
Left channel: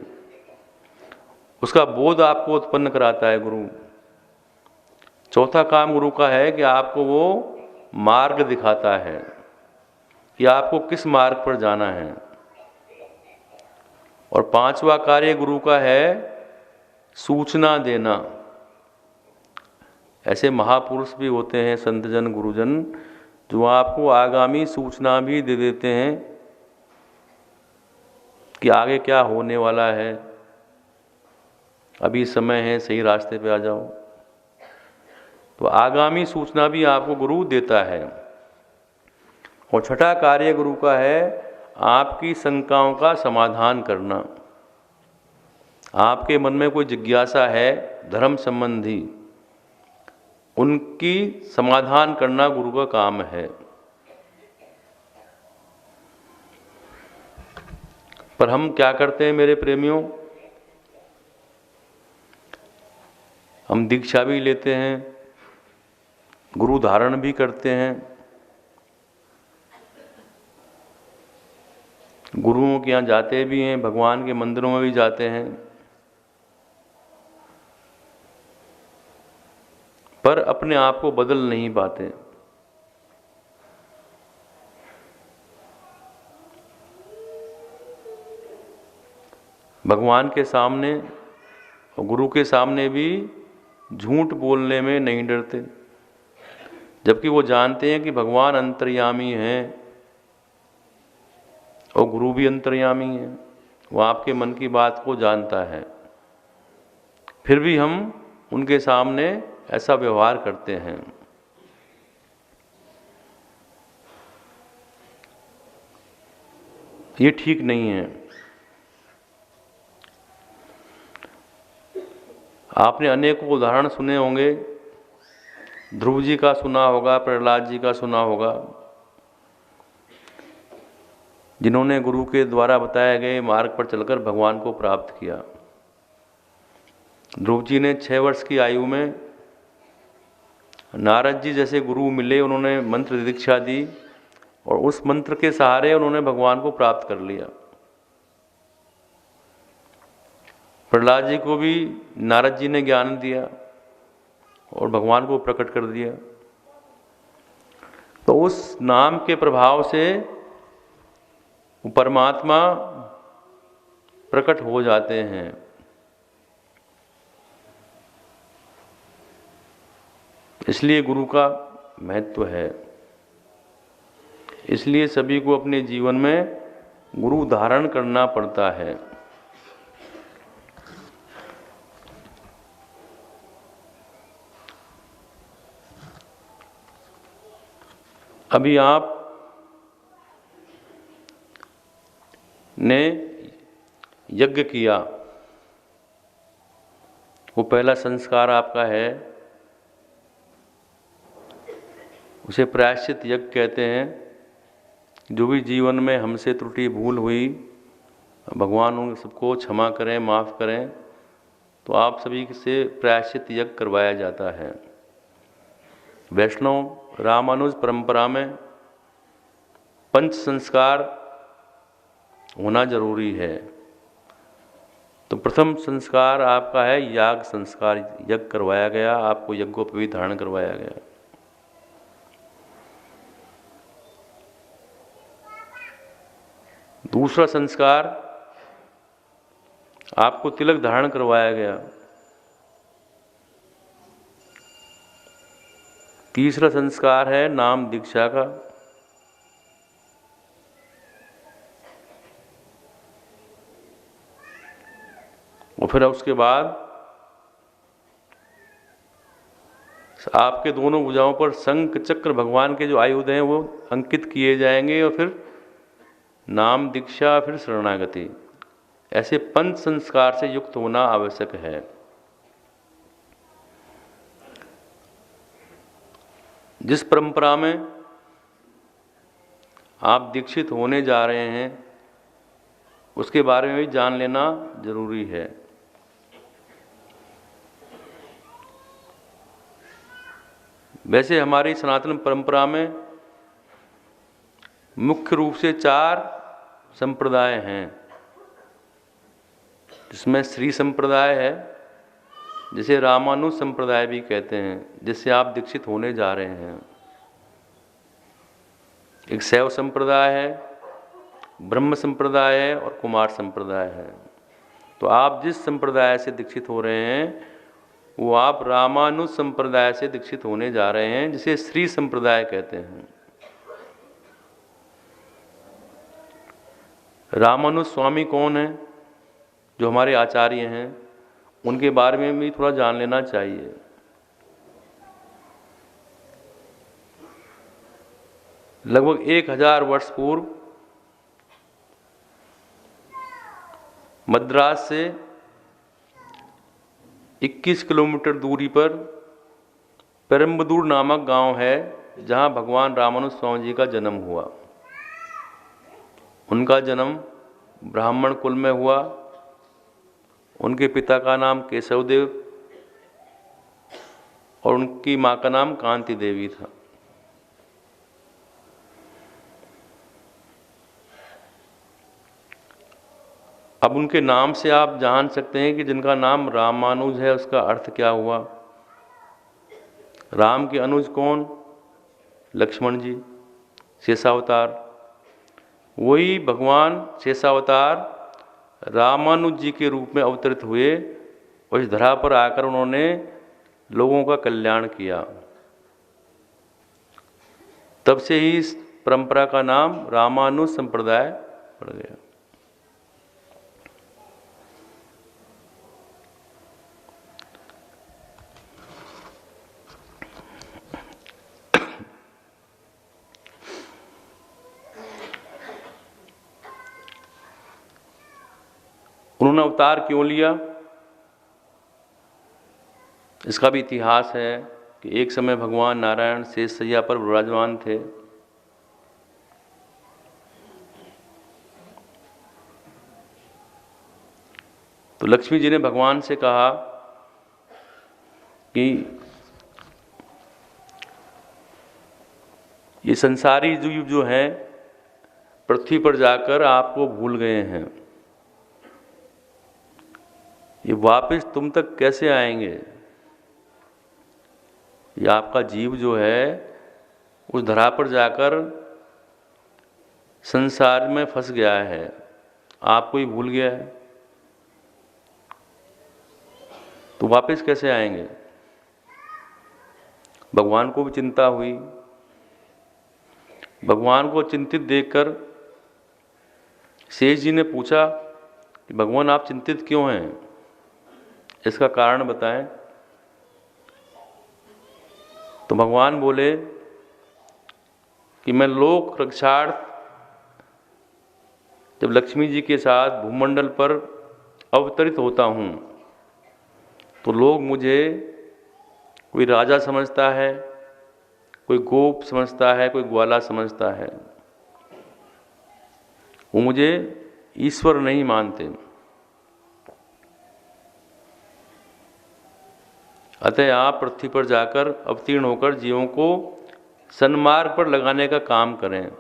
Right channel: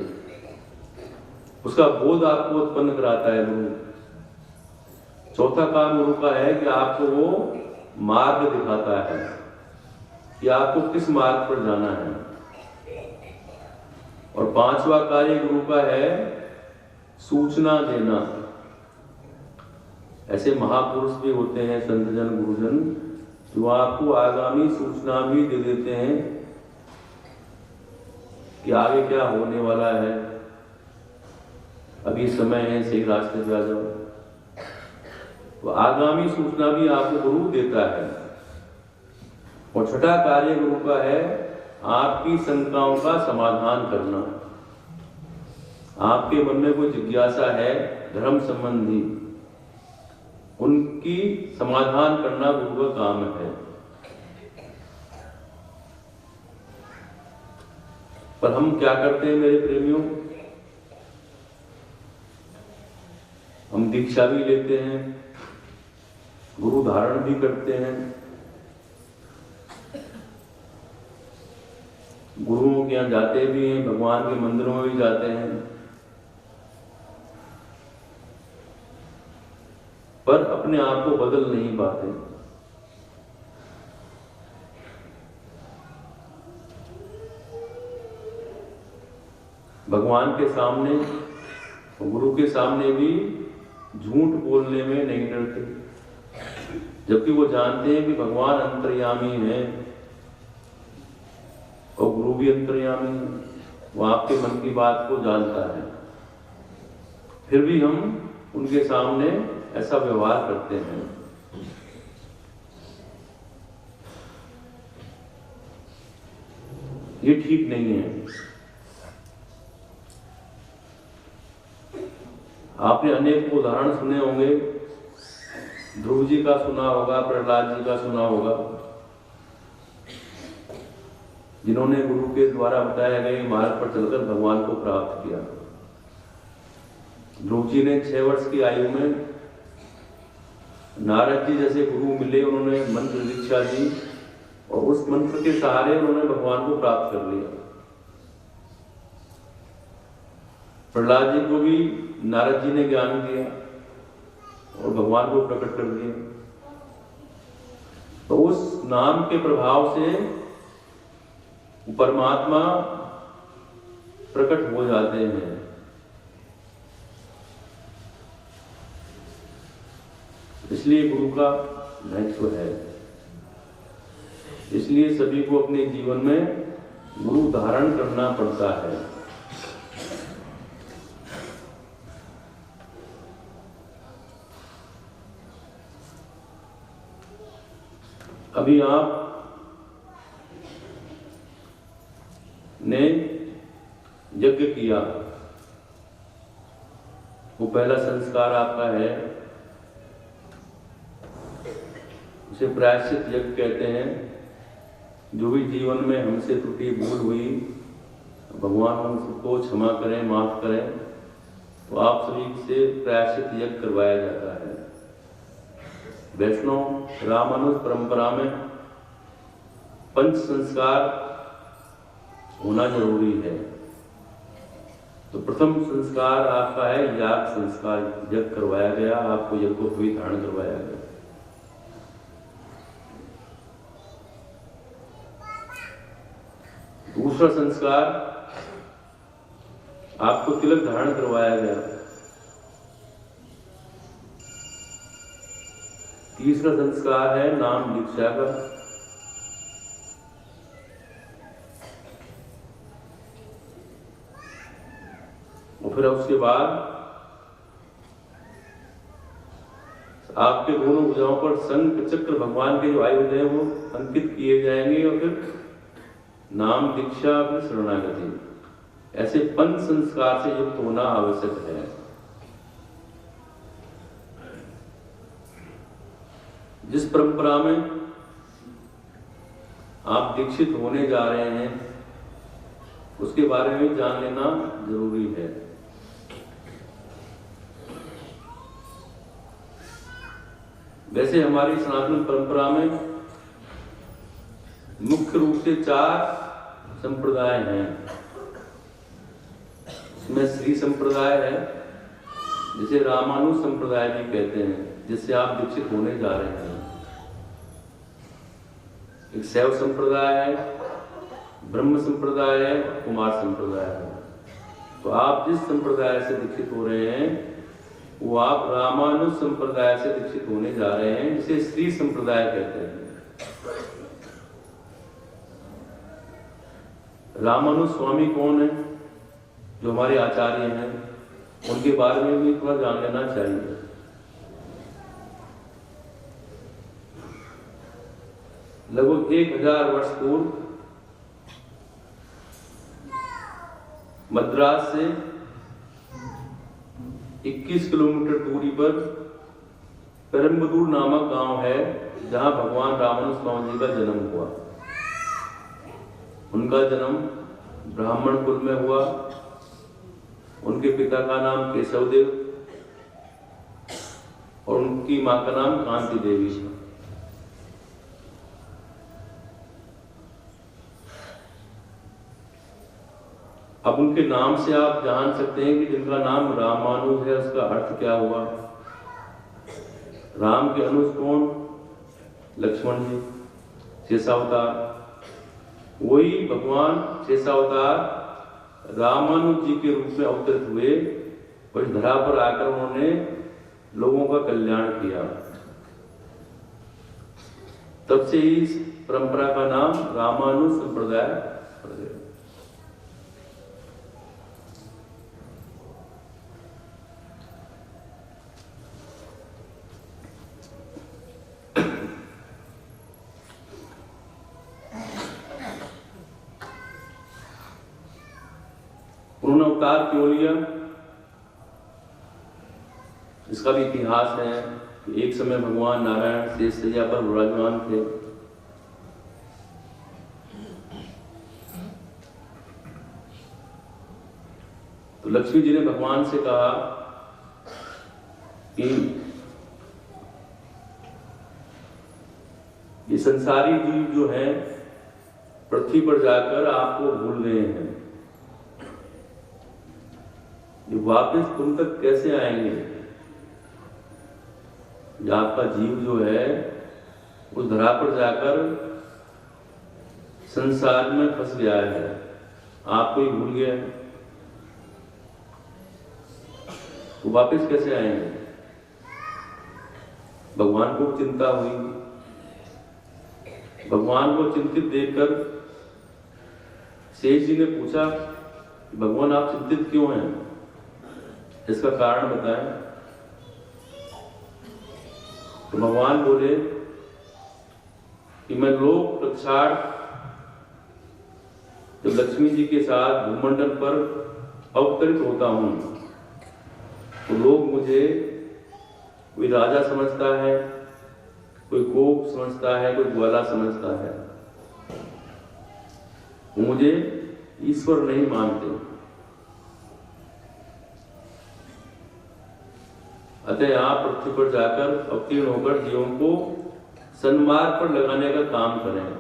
उसका बोध आपको उत्पन्न कराता है गुरु। चौथा काम गुरु का है कि आपको वो मार्ग दिखाता है कि आपको किस मार्ग पर जाना है। और पांचवा कार्य गुरु का है सूचना देना। ऐसे महापुरुष भी होते हैं, संतजन गुरुजन, जो आपको आगामी सूचना भी दे देते हैं कि आगे क्या होने वाला है, अभी समय है, सही रास्ते पे आ जाओ। तो आगामी सूचना भी आपको गुरु देता है। और छठा कार्य गुरु का है आपकी शंकाओं का समाधान करना। आपके मन में कोई जिज्ञासा है धर्म संबंधी, उनकी समाधान करना गुरु का काम है। पर हम क्या करते हैं मेरे प्रेमियों, हम दीक्षा भी लेते हैं, गुरु धारण भी करते हैं, गुरुओं के यहाँ जाते भी हैं, भगवान के मंदिरों में भी जाते हैं, पर अपने आप को बदल नहीं पाते। भगवान के सामने और गुरु के सामने भी झूठ बोलने में नहीं डरते, जबकि वो जानते हैं कि भगवान अंतर्यामी हैं और गुरु भी अंतर्यामी है, वो आपके मन की बात को जानता है। फिर भी हम उनके सामने ऐसा व्यवहार करते हैं। ये ठीक नहीं है। आपने अनेक उदाहरण सुने होंगे, ध्रुव जी का सुना होगा, प्रहलाद जी का सुना होगा, जिन्होंने गुरु के द्वारा बताए गए मार्ग पर चलकर भगवान को प्राप्त किया। ध्रुव जी ने 6 वर्ष की आयु में नारद जी जैसे गुरु मिले, उन्होंने मंत्र दीक्षा दी और उस मंत्र के सहारे उन्होंने भगवान को प्राप्त कर लिया। प्रहलाद जी को भी नारद जी ने ज्ञान दिया और भगवान को प्रकट कर दिया। तो उस नाम के प्रभाव से परमात्मा प्रकट हो जाते हैं। इसलिए गुरु का महत्व है। इसलिए सभी को अपने जीवन में गुरु धारण करना पड़ता है। अभी आप ने यज्ञ किया, वो पहला संस्कार आपका है, उसे प्रायश्चित यज्ञ कहते हैं। जो भी जीवन में हमसे त्रुटि भूल हुई, भगवान उन सबको क्षमा करें, माफ करें, तो आप सभी से प्रायश्चित यज्ञ करवाया जाता है। वैष्णव रामानुज परंपरा में 5 संस्कार होना जरूरी है। तो प्रथम संस्कार आपका है याग संस्कार, यज्ञ करवाया गया, आपको यज्ञोपवीत धारण करवाया गया। दूसरा संस्कार, आपको तिलक धारण करवाया गया। तीसरा संस्कार है नाम दीक्षा का। और फिर उसके बाद आपके दोनों भुजाओं पर शंख चक्र भगवान के जो आयुध हैं वो अंकित किए जाएंगे, और फिर नाम दीक्षा, फिर शरणागति। ऐसे पंच संस्कार से युक्त होना आवश्यक है। जिस परंपरा में आप दीक्षित होने जा रहे हैं उसके बारे में जान लेना जरूरी है। वैसे हमारी सनातन परंपरा में मुख्य रूप से 4 संप्रदाय हैं। इसमें श्री संप्रदाय है, जिसे रामानुज संप्रदाय भी कहते हैं, जिससे आप दीक्षित होने जा रहे हैं। एक शैव संप्रदाय है, ब्रह्म संप्रदाय है और कुमार संप्रदाय है। तो आप जिस संप्रदाय से दीक्षित हो रहे हैं वो आप रामानुज संप्रदाय से दीक्षित होने जा रहे हैं, जिसे श्री संप्रदाय कहते हैं। रामानुज स्वामी कौन है? जो हमारे आचार्य हैं, उनके बारे में भी थोड़ा जान लेना चाहिए। लगभग 1000 वर्ष पूर्व मद्रास से 21 किलोमीटर दूरी पर पेरम्बदूर नामक गांव है, जहां भगवान रामानुज स्वामी जी का जन्म हुआ। उनका जन्म ब्राह्मण कुल में हुआ। उनके पिता का नाम केशवदेव और उनकी मां का नाम कांति देवी था। अब उनके नाम से आप जान सकते हैं कि जिनका नाम रामानुज है उसका अर्थ क्या हुआ। राम के अनुज कौन? लक्ष्मण जी, शेषावतार। वही भगवान शेषावतार रामानुज जी के रूप में अवतरित हुए और इस धरा पर आकर उन्होंने लोगों का कल्याण किया। तब से ही इस परंपरा का नाम रामानुज संप्रदाय पड़ गया। उन्होंने अवतार क्यों लिया? इसका भी इतिहास है कि एक समय भगवान नारायण शेष शैया पर विराजमान थे। तो लक्ष्मी जी ने भगवान से कहा कि ये संसारी जीव जो है पृथ्वी पर जाकर आपको भूल गए हैं, ये वापस तुम तक कैसे आएंगे? ये आपका जीव जो है उस धरा पर जाकर संसार में फंस गया है, आपको ही भूल गया है, तो वापस कैसे आएंगे? भगवान को भी चिंता हुई। भगवान को चिंतित देखकर शेष जी ने पूछा कि भगवान आप चिंतित क्यों हैं? इसका कारण बताएं। तो भगवान बोले कि मैं लोक रक्षार्थ जब लक्ष्मी जी के साथ भूमंडल पर अवतरित होता हूँ तो लोग मुझे कोई राजा समझता है, कोई गोप समझता है, कोई ग्वाला समझता है। वो मुझे ईश्वर नहीं मानते। अतः आप पृथ्वी पर जाकर अवतीर्ण होकर जीवों को सन्मार्ग पर लगाने का काम करें।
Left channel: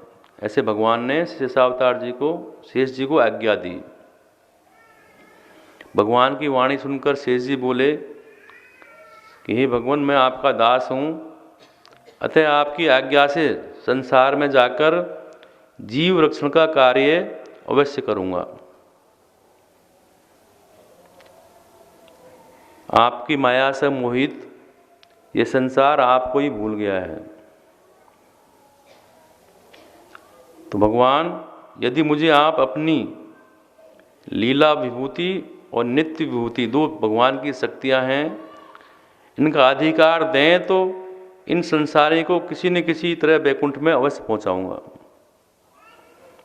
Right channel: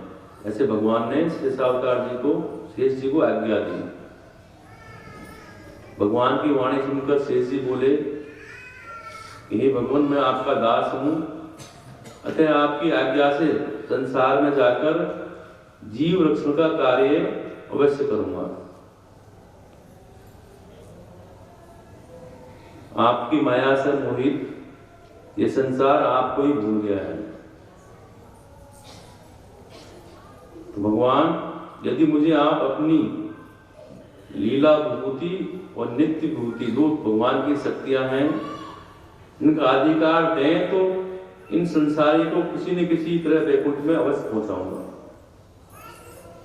ऐसे भगवान ने शेषावतार जी को, शेष जी को आज्ञा दी। भगवान की वाणी सुनकर शेष जी बोले कि हे भगवान, मैं आपका दास हूँ, अतः आपकी आज्ञा से संसार में जाकर जीव रक्षण का कार्य अवश्य करूंगा। आपकी माया से मोहित ये संसार आपको ही भूल गया है। तो भगवान, यदि मुझे आप अपनी लीला विभूति और नित्य विभूति, दो भगवान की शक्तियां हैं, इनका अधिकार दें तो इन संसारी को किसी न किसी तरह वैकुंठ में अवश्य पहुंचाऊंगा।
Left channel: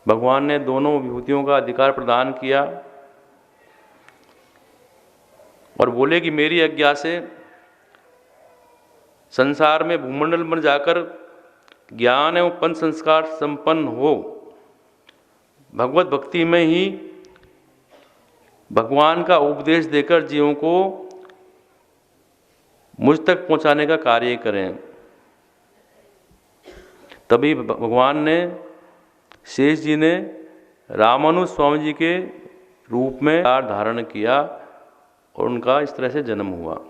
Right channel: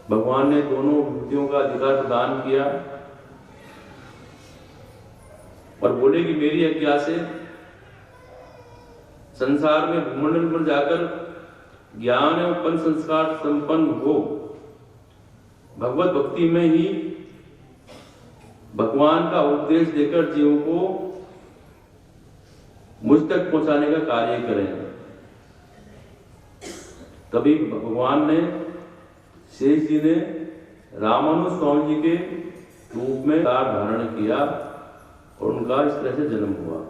भगवान ने दोनों विभूतियों का अधिकार प्रदान किया और बोले कि मेरी आज्ञा से संसार में भूमंडल में जाकर ज्ञान एवं पंच संस्कार संपन्न हो, भगवत भक्ति में ही भगवान का उपदेश देकर जीवों को मुझ तक पहुंचाने का कार्य करें। तभी भगवान ने, शेष जी ने रामानुज स्वामी जी के रूप में धारण किया और उनका इस तरह से जन्म हुआ।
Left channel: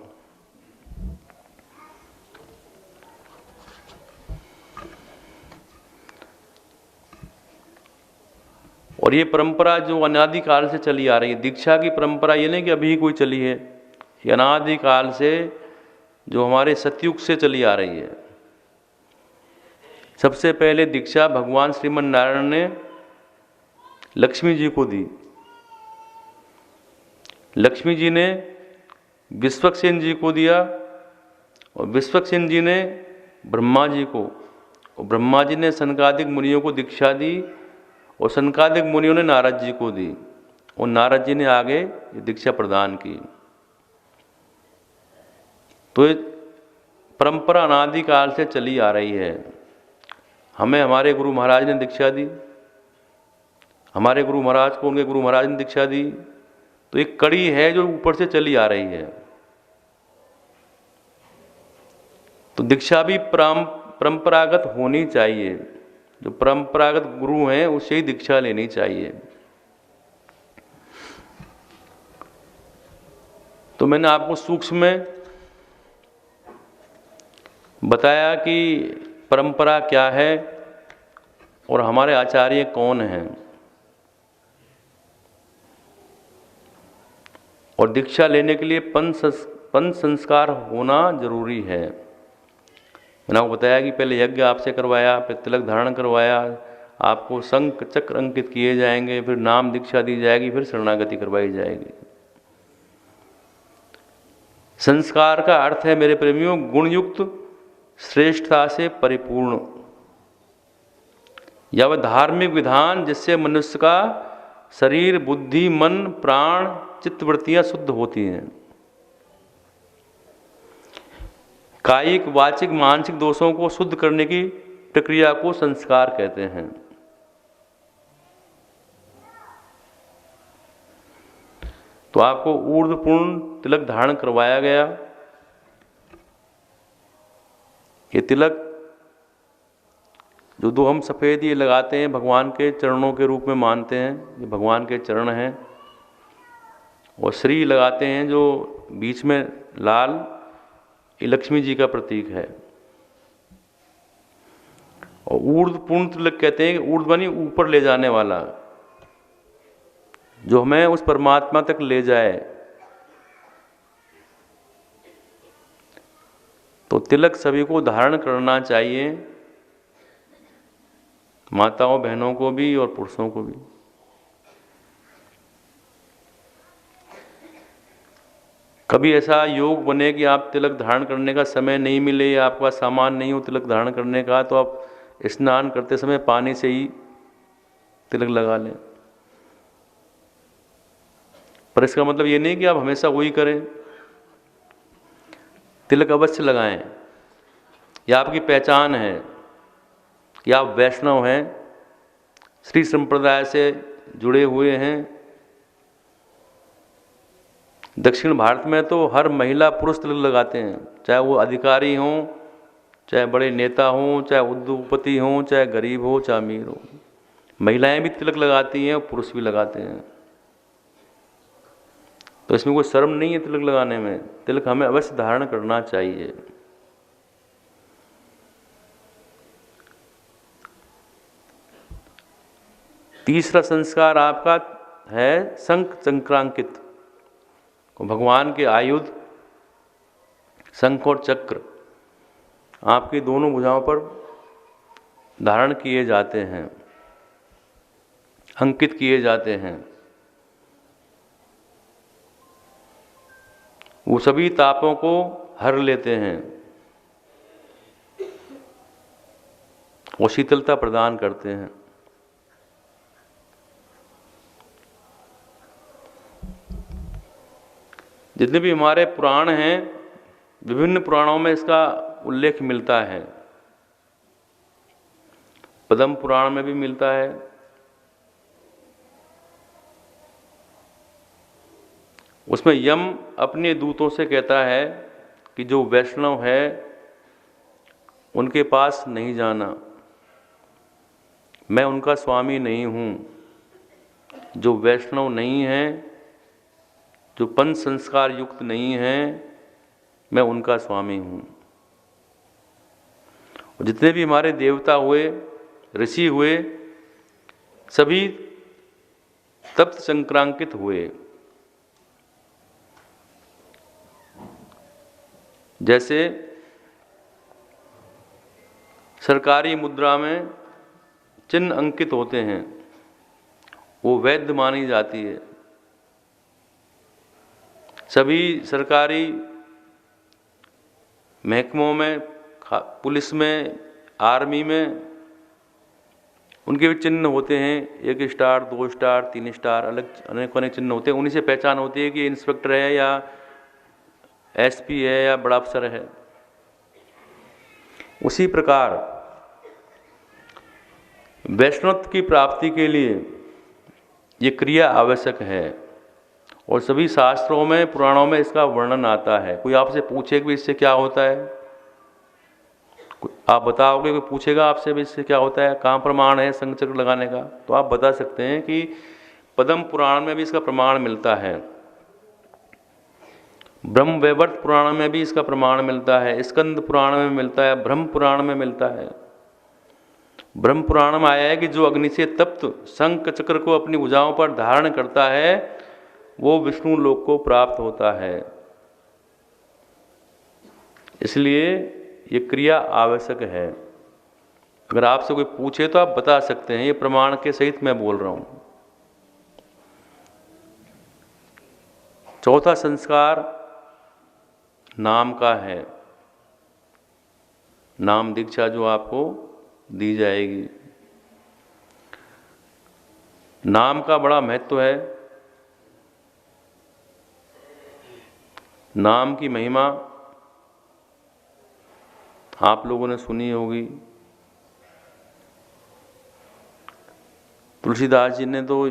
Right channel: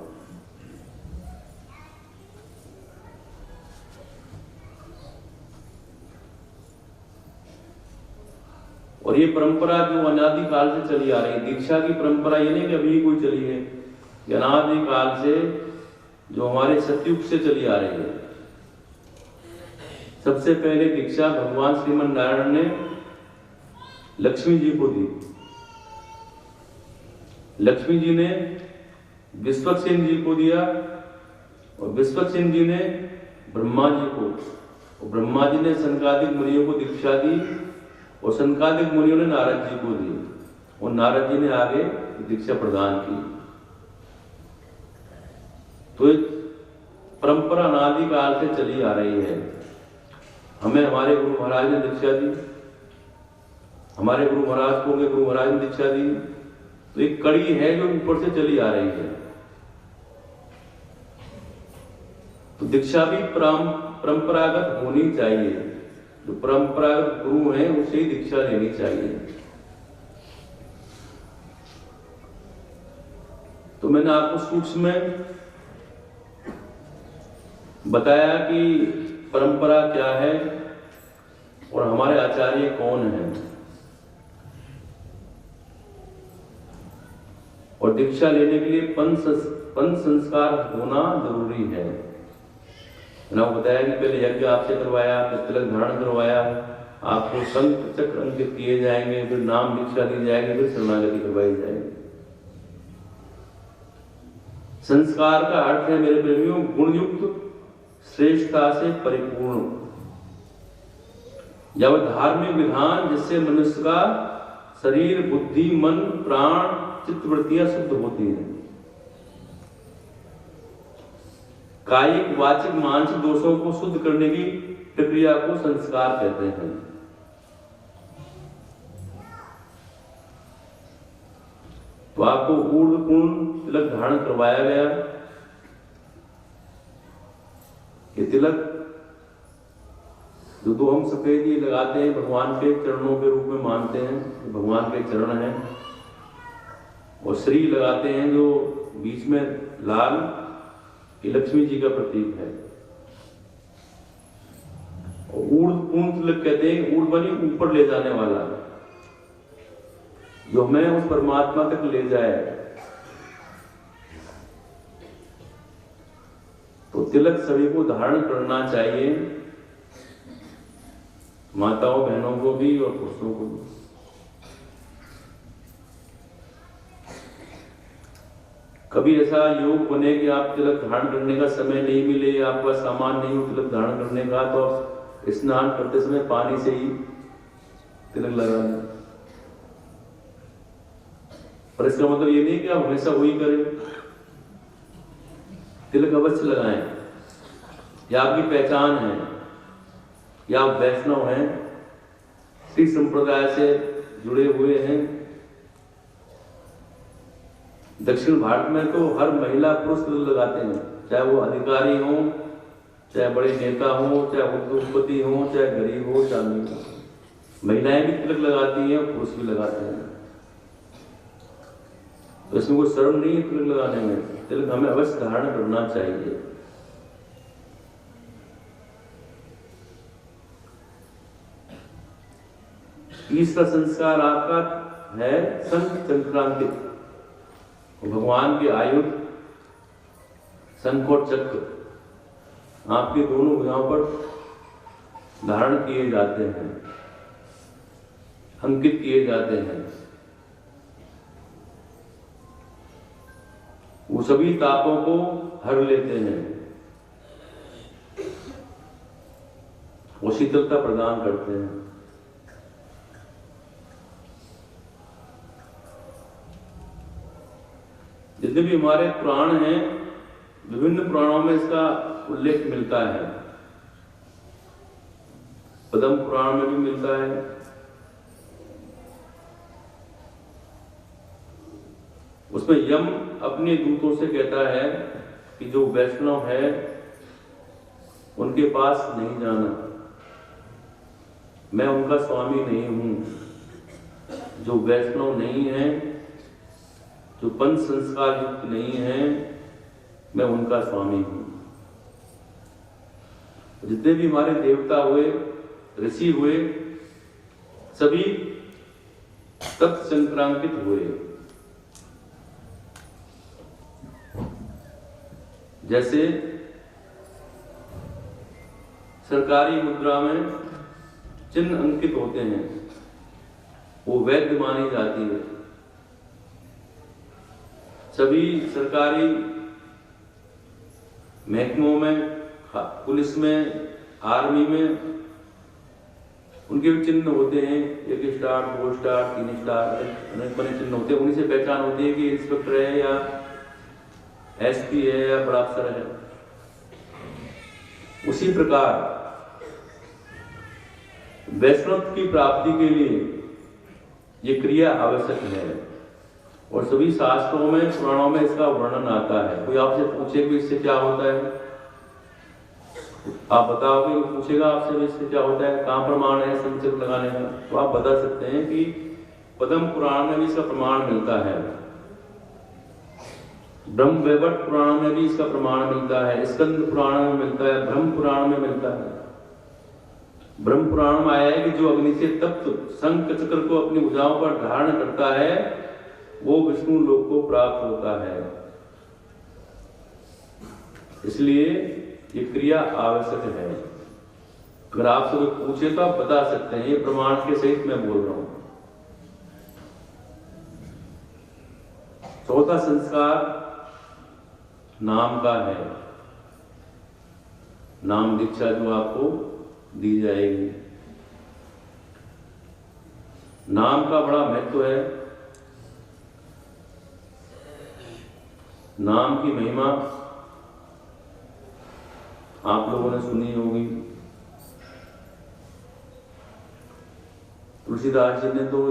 और ये परंपरा जो अनादिकाल से चली आ रही है, दीक्षा की परंपरा, ये नहीं कि अभी कोई चली है, ये अनादिकाल से जो हमारे सतयुग से चली आ रही है। सबसे पहले दीक्षा भगवान श्रीमन नारायण ने लक्ष्मी जी को दी। लक्ष्मी जी ने विश्वक्सेन जी को दिया और विश्वक्सेन जी ने ब्रह्मा जी को, और ब्रह्मा जी ने सनकादिक मुनियों को दीक्षा दी और सनकादिक मुनियों ने नारद जी को दी और नारद जी ने आगे दीक्षा प्रदान की। तो ये परंपरा अनादिकाल से चली आ रही है। हमें हमारे गुरु महाराज ने दीक्षा दी, हमारे गुरु महाराज को उनके गुरु महाराज ने दीक्षा दी। तो एक कड़ी है जो ऊपर से चली आ रही है। तो दीक्षा भी परंपरागत होनी चाहिए। जो परंपरागत गुरु हैं उससे ही दीक्षा लेनी चाहिए। तो मैंने आपको सूक्ष्म में बताया कि परंपरा क्या है और हमारे आचार्य कौन हैं, और दीक्षा लेने के लिए पंच संस्कार होना जरूरी है। मैंने आपको बताया कि पहले यज्ञ आपसे करवाया, फिर तिलक धारण करवाया, आपको शंख चक्र अंकित किए जाएंगे, फिर नाम दीक्षा दी जाएगी, फिर शरणागति करवाई जाएगी। संस्कार का अर्थ है मेरे प्रेमियों, गुणयुक्त श्रेष्ठता से परिपूर्ण, या वह धार्मिक विधान जिससे मनुष्य का शरीर, बुद्धि, मन, प्राण, चित्तवृत्तियां शुद्ध होती हैं। कायिक, वाचिक, मानसिक दोषों को शुद्ध करने की प्रक्रिया को संस्कार कहते हैं। तो आपको ऊर्ध्वपूर्ण तिलक धारण करवाया गया। ये तिलक जो दो हम सफेद ये लगाते हैं, भगवान के चरणों के रूप में मानते हैं, ये भगवान के चरण हैं। और श्री लगाते हैं जो बीच में लाल, ये लक्ष्मी जी का प्रतीक है। और ऊर्ध्वपूर्ण तिलक कहते हैं, ऊर्ध्व बनी ऊपर ले जाने वाला, जो हमें उस परमात्मा तक ले जाए। तो तिलक सभी को धारण करना चाहिए, माताओं बहनों को भी और पुरुषों को भी। कभी ऐसा योग बने कि आप तिलक धारण करने का समय नहीं मिले या आपका सामान नहीं हो तिलक धारण करने का, तो आप स्नान करते समय पानी से ही तिलक लगा लें। पर इसका मतलब ये नहीं कि आप हमेशा वही करें। तिलक अवश्य लगाएं। या आपकी पहचान है या आप वैष्णव हैं, श्री संप्रदाय से जुड़े हुए हैं। दक्षिण भारत में तो हर महिला पुरुष तिलक लगाते हैं, चाहे वो अधिकारी हों, चाहे बड़े नेता हों, चाहे उद्योगपति हों, चाहे गरीब हो, चाहे अमीर हो। महिलाएं भी तिलक लगाती हैं और पुरुष भी लगाते हैं। तो इसमें कोई शर्म नहीं है तिलक लगाने में। तिलक हमें अवश्य धारण करना चाहिए। तीसरा संस्कार आपका है शंख चक्रांकित, भगवान के आयुध शंख और चक्र आपकी दोनों भुजाओं पर धारण किए जाते हैं, अंकित किए जाते हैं। वो सभी तापों को हर लेते हैं, वो शीतलता प्रदान करते हैं। जितने भी हमारे पुराण हैं, विभिन्न पुराणों में इसका उल्लेख मिलता है। पद्म पुराण में भी मिलता है, उसमें यम अपने दूतों से कहता है कि जो वैष्णव है उनके पास नहीं जाना, मैं उनका स्वामी नहीं हूं। जो वैष्णव नहीं है, जो पंच संस्कार युक्त नहीं है, मैं उनका स्वामी हूं। जितने भी हमारे देवता हुए, ऋषि हुए, सभी तत् संक्रांकित हुए। जैसे सरकारी मुद्रा में चिन्ह अंकित होते हैं, वो वैध मानी जाती है। सभी सरकारी महकमों में, पुलिस में, आर्मी में उनके भी चिन्ह होते हैं, 1 स्टार, 2 स्टार, 3 स्टार, अनेक अनेक चिन्ह होते हैं। उन्हीं से पहचान होती है कि इंस्पेक्टर है या एसपी है या बड़ा अफसर है। उसी प्रकार वैष्णवत्व की प्राप्ति के लिए ये क्रिया आवश्यक है, और सभी शास्त्रों में, पुराणों में इसका वर्णन आता है। कोई आपसे पूछे कि इससे क्या होता है, आप बताओगे, कोई पूछेगा आपसे भी इससे क्या होता है, कहाँ प्रमाण है शंख चक्र लगाने का, तो आप बता सकते हैं कि पद्म पुराण में भी इसका प्रमाण मिलता है, ब्रह्म वैवर्त पुराण में भी इसका प्रमाण मिलता है, स्कंद पुराण में मिलता है, ब्रह्म पुराण में मिलता है। ब्रह्म पुराण में आया है कि जो अग्नि से तप्त शंख चक्र को अपनी भुजाओं पर धारण करता है वो विष्णु लोक को प्राप्त होता है। इसलिए ये क्रिया आवश्यक है। अगर आपसे कोई पूछे तो आप बता सकते हैं, ये प्रमाण के सहित मैं बोल रहा हूं। चौथा संस्कार नाम का है, नाम दीक्षा जो आपको दी जाएगी। नाम का बड़ा महत्व है। नाम की महिमा आप लोगों ने सुनी होगी। तुलसीदास जी ने तो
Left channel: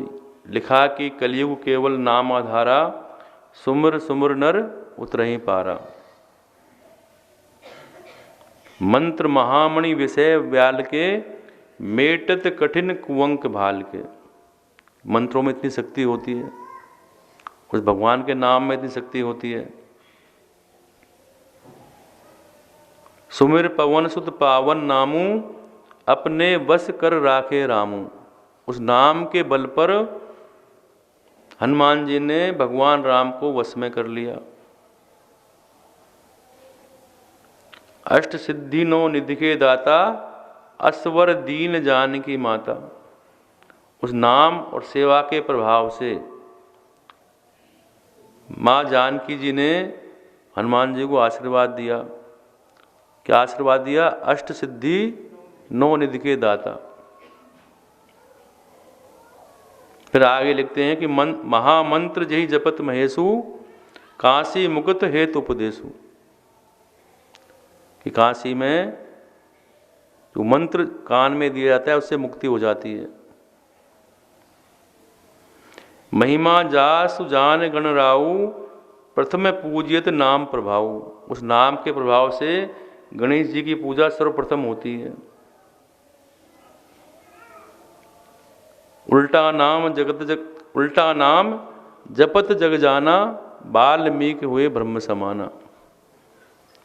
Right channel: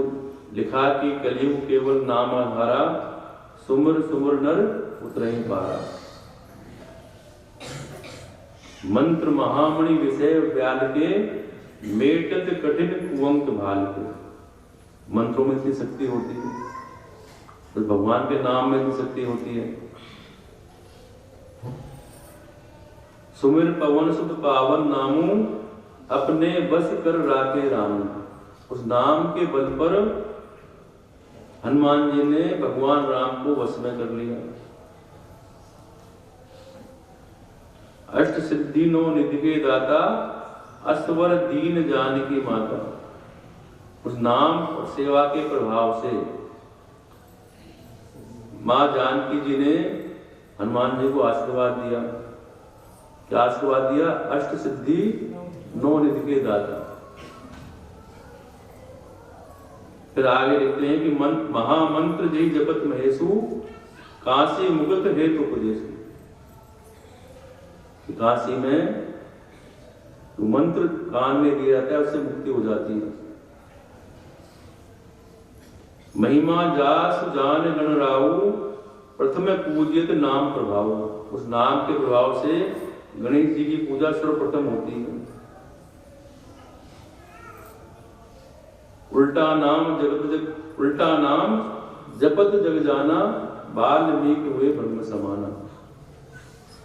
लिखा कि कलयुग केवल नाम आधारा, सुमर सुमर नर उतरहि पारा। मंत्र महामणि विषय व्याल के, मेटत कठिन कुवंक भाल के। मंत्रों में इतनी शक्ति होती है, कुछ भगवान के नाम में इतनी शक्ति होती है। सुमिर पवन सुत पावन नामू, अपने वश कर राखे रामू। उस नाम के बल पर हनुमान जी ने भगवान राम को वश में कर लिया। अष्ट सिद्धि नो निधि के दाता, असवर दीन जानकी माता। उस नाम और सेवा के प्रभाव से माँ जानकी जी ने हनुमान जी को आशीर्वाद दिया। क्या आशीर्वाद दिया? अष्ट सिद्धि नौ निधि के दाता। फिर आगे लिखते हैं कि महामंत्र जय जपत महेशु, काशी मुकुत हेतु उपदेशु। कि काशी में जो मंत्र कान में दिया जाता है उससे मुक्ति हो जाती है। महिमा जासु जान गण राऊ, प्रथम पूजियत नाम प्रभाव। उस नाम के प्रभाव से गणेश जी की पूजा सर्वप्रथम होती है। उल्टा नाम जपत जग जाना, वाल्मीकि हुए ब्रह्म समाना।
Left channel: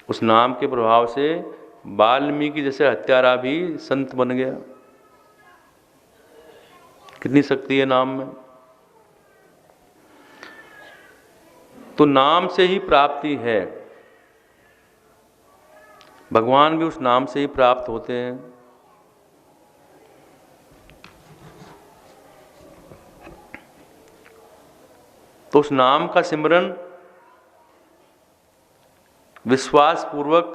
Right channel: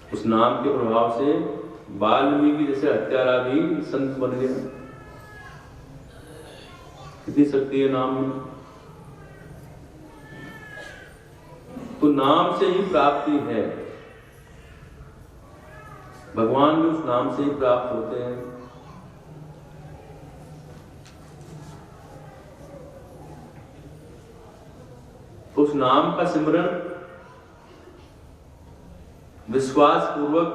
उस नाम के प्रभाव से वाल्मीकि जैसे हत्यारा भी संत बन गया। कितनी शक्ति है नाम में। तो नाम से ही प्राप्ति है, भगवान भी उस नाम से ही प्राप्त होते हैं। तो उस नाम का सिमरन विश्वास पूर्वक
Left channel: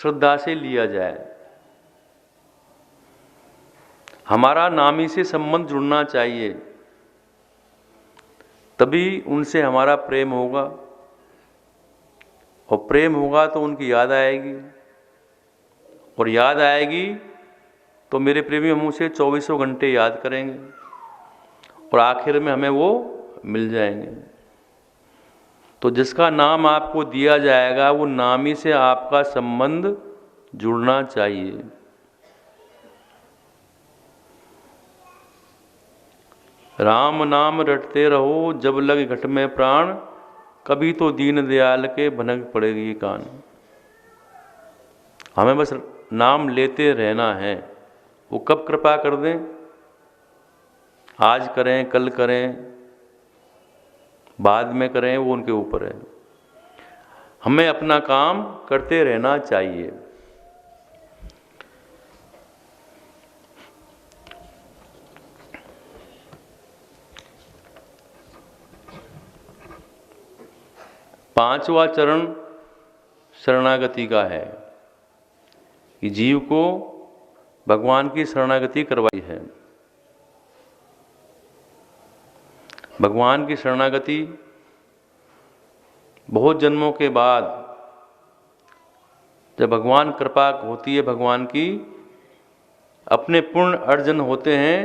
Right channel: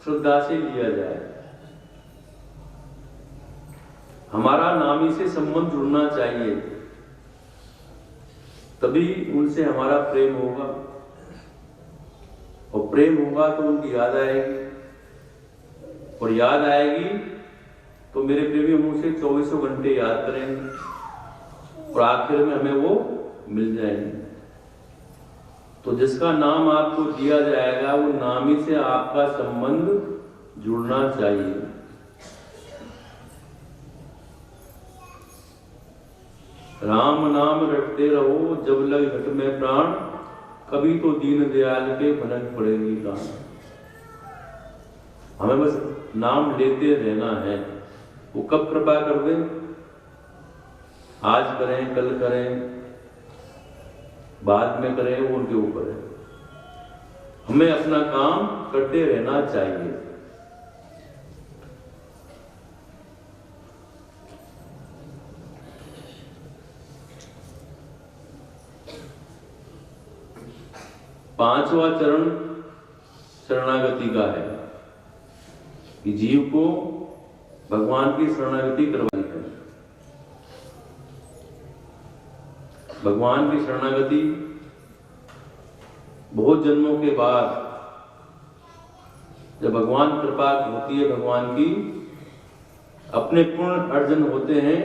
श्रद्धा से लिया जाए। हमारा नामी से संबंध जुड़ना चाहिए, तभी उनसे हमारा प्रेम होगा, और प्रेम होगा तो उनकी याद आएगी, और याद आएगी तो मेरे प्रेमी हम उसे 24 घंटे याद करेंगे, और आखिर में हमें वो मिल जाएंगे। तो जिसका नाम आपको दिया जाएगा वो नामी से आपका संबंध जुड़ना चाहिए। राम नाम रटते रहो जब लगे घट में प्राण, कभी तो दीन दयाल के भनक पड़ेगी कान। हमें बस नाम लेते रहना है, वो कब कृपा कर दें, आज करें कल करें बाद में करें, वो उनके ऊपर है। हमें अपना काम करते रहना चाहिए। पांचवा चरण शरणागति का है कि जीव को भगवान की शरणागति करवाई है। भगवान की शरणागति बहुत जन्मों के बाद जब भगवान कृपा होती है, भगवान की अपने पूर्ण अर्जन होते हैं,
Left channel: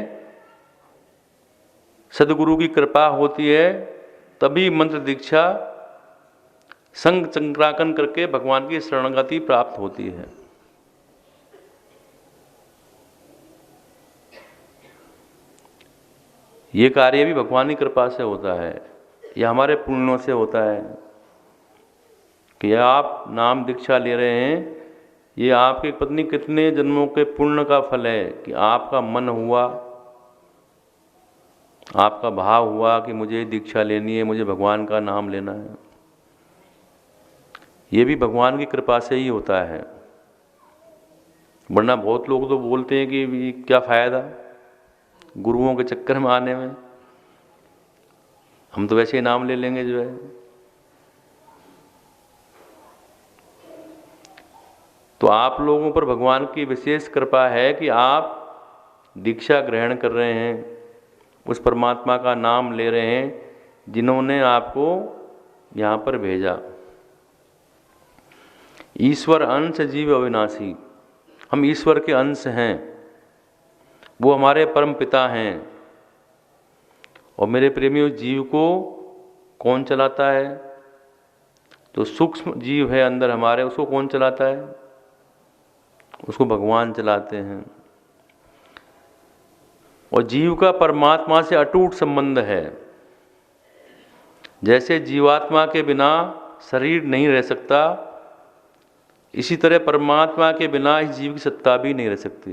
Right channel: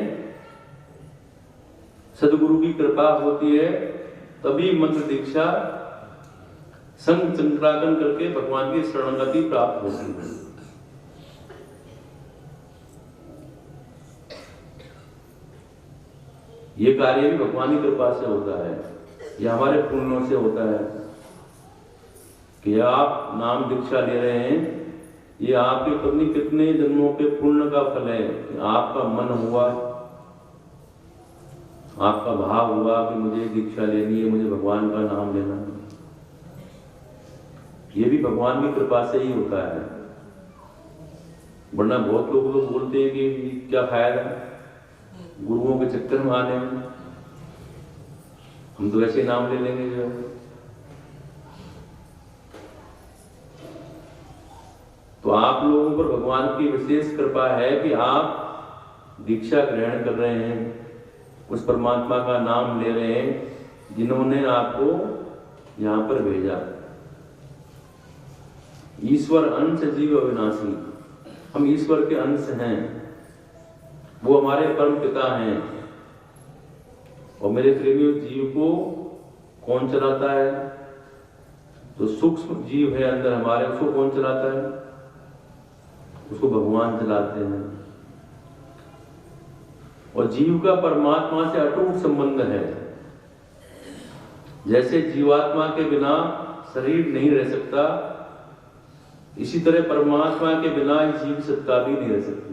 सदगुरु की कृपा होती है, तभी मंत्र दीक्षा संग चंक्राकन करके भगवान की शरणागति प्राप्त होती है। ये कार्य भी भगवान की कृपा से होता है, यह हमारे पुण्यों से होता है कि आप नाम दीक्षा ले रहे हैं, ये आपकी पत्नी कितने जन्मों के पुण्य का फल है कि आपका मन हुआ, आपका भाव हुआ कि मुझे दीक्षा लेनी है, मुझे भगवान का नाम लेना है। ये भी भगवान की कृपा से ही होता है, वरना बहुत लोग तो बोलते हैं कि क्या फायदा गुरुओं के चक्कर में आने में, हम तो वैसे ही नाम ले लेंगे जो है। तो आप लोगों पर भगवान की विशेष कृपा है कि आप दीक्षा ग्रहण कर रहे हैं, उस परमात्मा का नाम ले रहे हैं जिन्होंने आपको यहाँ पर भेजा। ईश्वर अंश जीव अविनाशी, हम ईश्वर के अंश हैं, वो हमारे परम पिता हैं। और मेरे प्रेमियों, जीव को कौन चलाता है? जो सूक्ष्म जीव है अंदर हमारे, उसको कौन चलाता है? उसको भगवान चलाते हैं। और जीव का परमात्मा से अटूट संबंध है। जैसे जीवात्मा के बिना शरीर नहीं रह सकता, इसी तरह परमात्मा के बिना इस जीव की सत्ता भी नहीं रह सकती।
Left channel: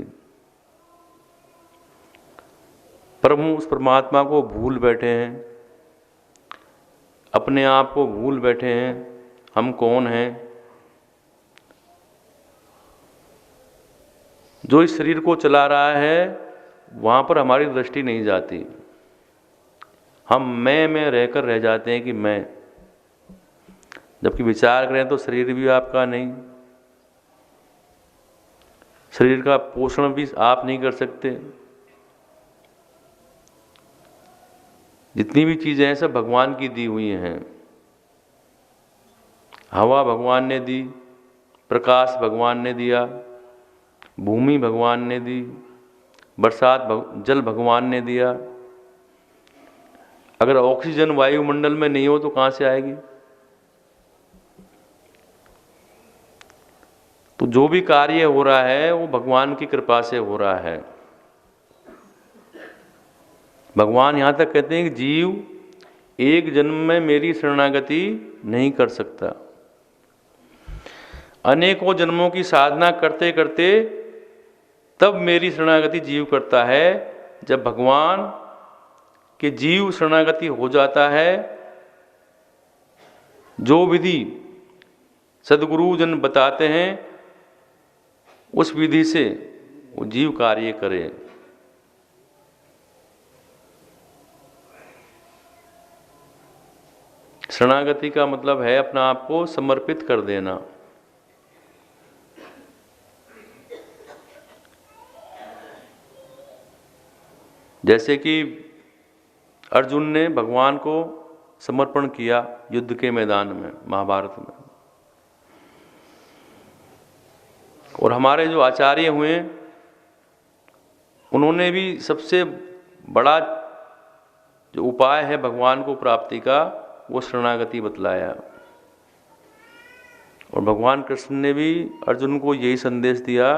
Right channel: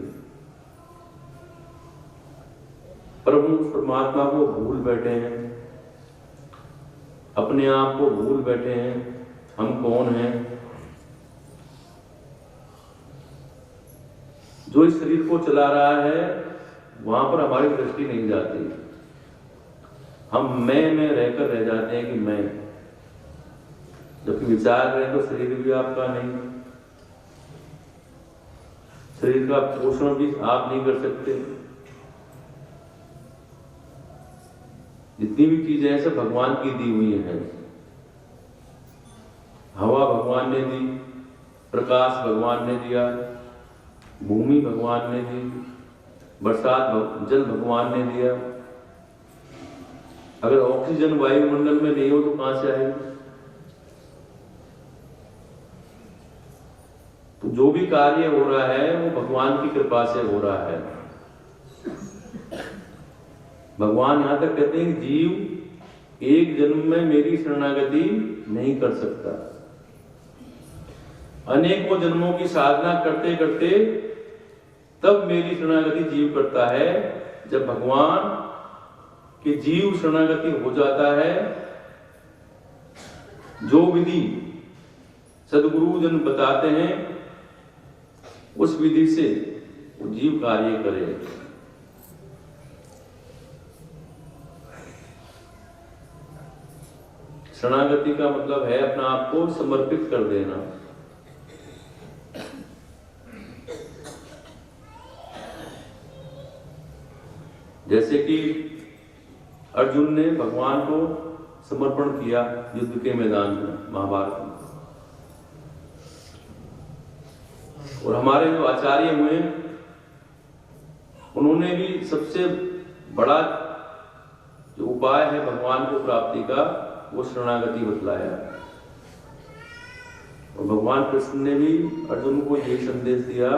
पर हम उस परमात्मा को भूल बैठे हैं, अपने आप को भूल बैठे हैं, हम कौन हैं। जो इस शरीर को चला रहा है वहां पर हमारी दृष्टि नहीं जाती, हम मैं में रहकर रह जाते हैं कि मैं, जबकि विचार करें तो शरीर भी आपका नहीं, शरीर का पोषण भी आप नहीं कर सकते। जितनी भी चीजें हैं सब भगवान की दी हुई हैं। हवा भगवान ने दी, प्रकाश भगवान ने दिया, भूमि भगवान ने दी, बरसात जल भगवान ने दिया। अगर ऑक्सीजन वायुमंडल में नहीं हो तो कहां से आएगी? तो जो भी कार्य हो रहा है वो भगवान की कृपा से हो रहा है। भगवान यहां तक कहते हैं कि जीव एक जन्म में मेरी शरणागति नहीं कर सकता। अनेकों जन्मों की साधना करते करते तब मेरी शरणागति जीव करता है, जब भगवान कि जीव शरणागति हो जाता है, जो विधि सद्गुरुजन बताते हैं उस विधि से वो जीव कार्य करे। शरणागति का मतलब है अपना आप को समर्पित कर देना। जैसे कि अर्जुन ने भगवान को समर्पण किया युद्ध के मैदान में, महाभारत में, और हमारे जो आचार्य हुए उन्होंने भी सबसे बड़ा जो उपाय है भगवान को प्राप्ति का वो शरणागति बतलाया। और भगवान कृष्ण ने भी अर्जुन को यही संदेश दिया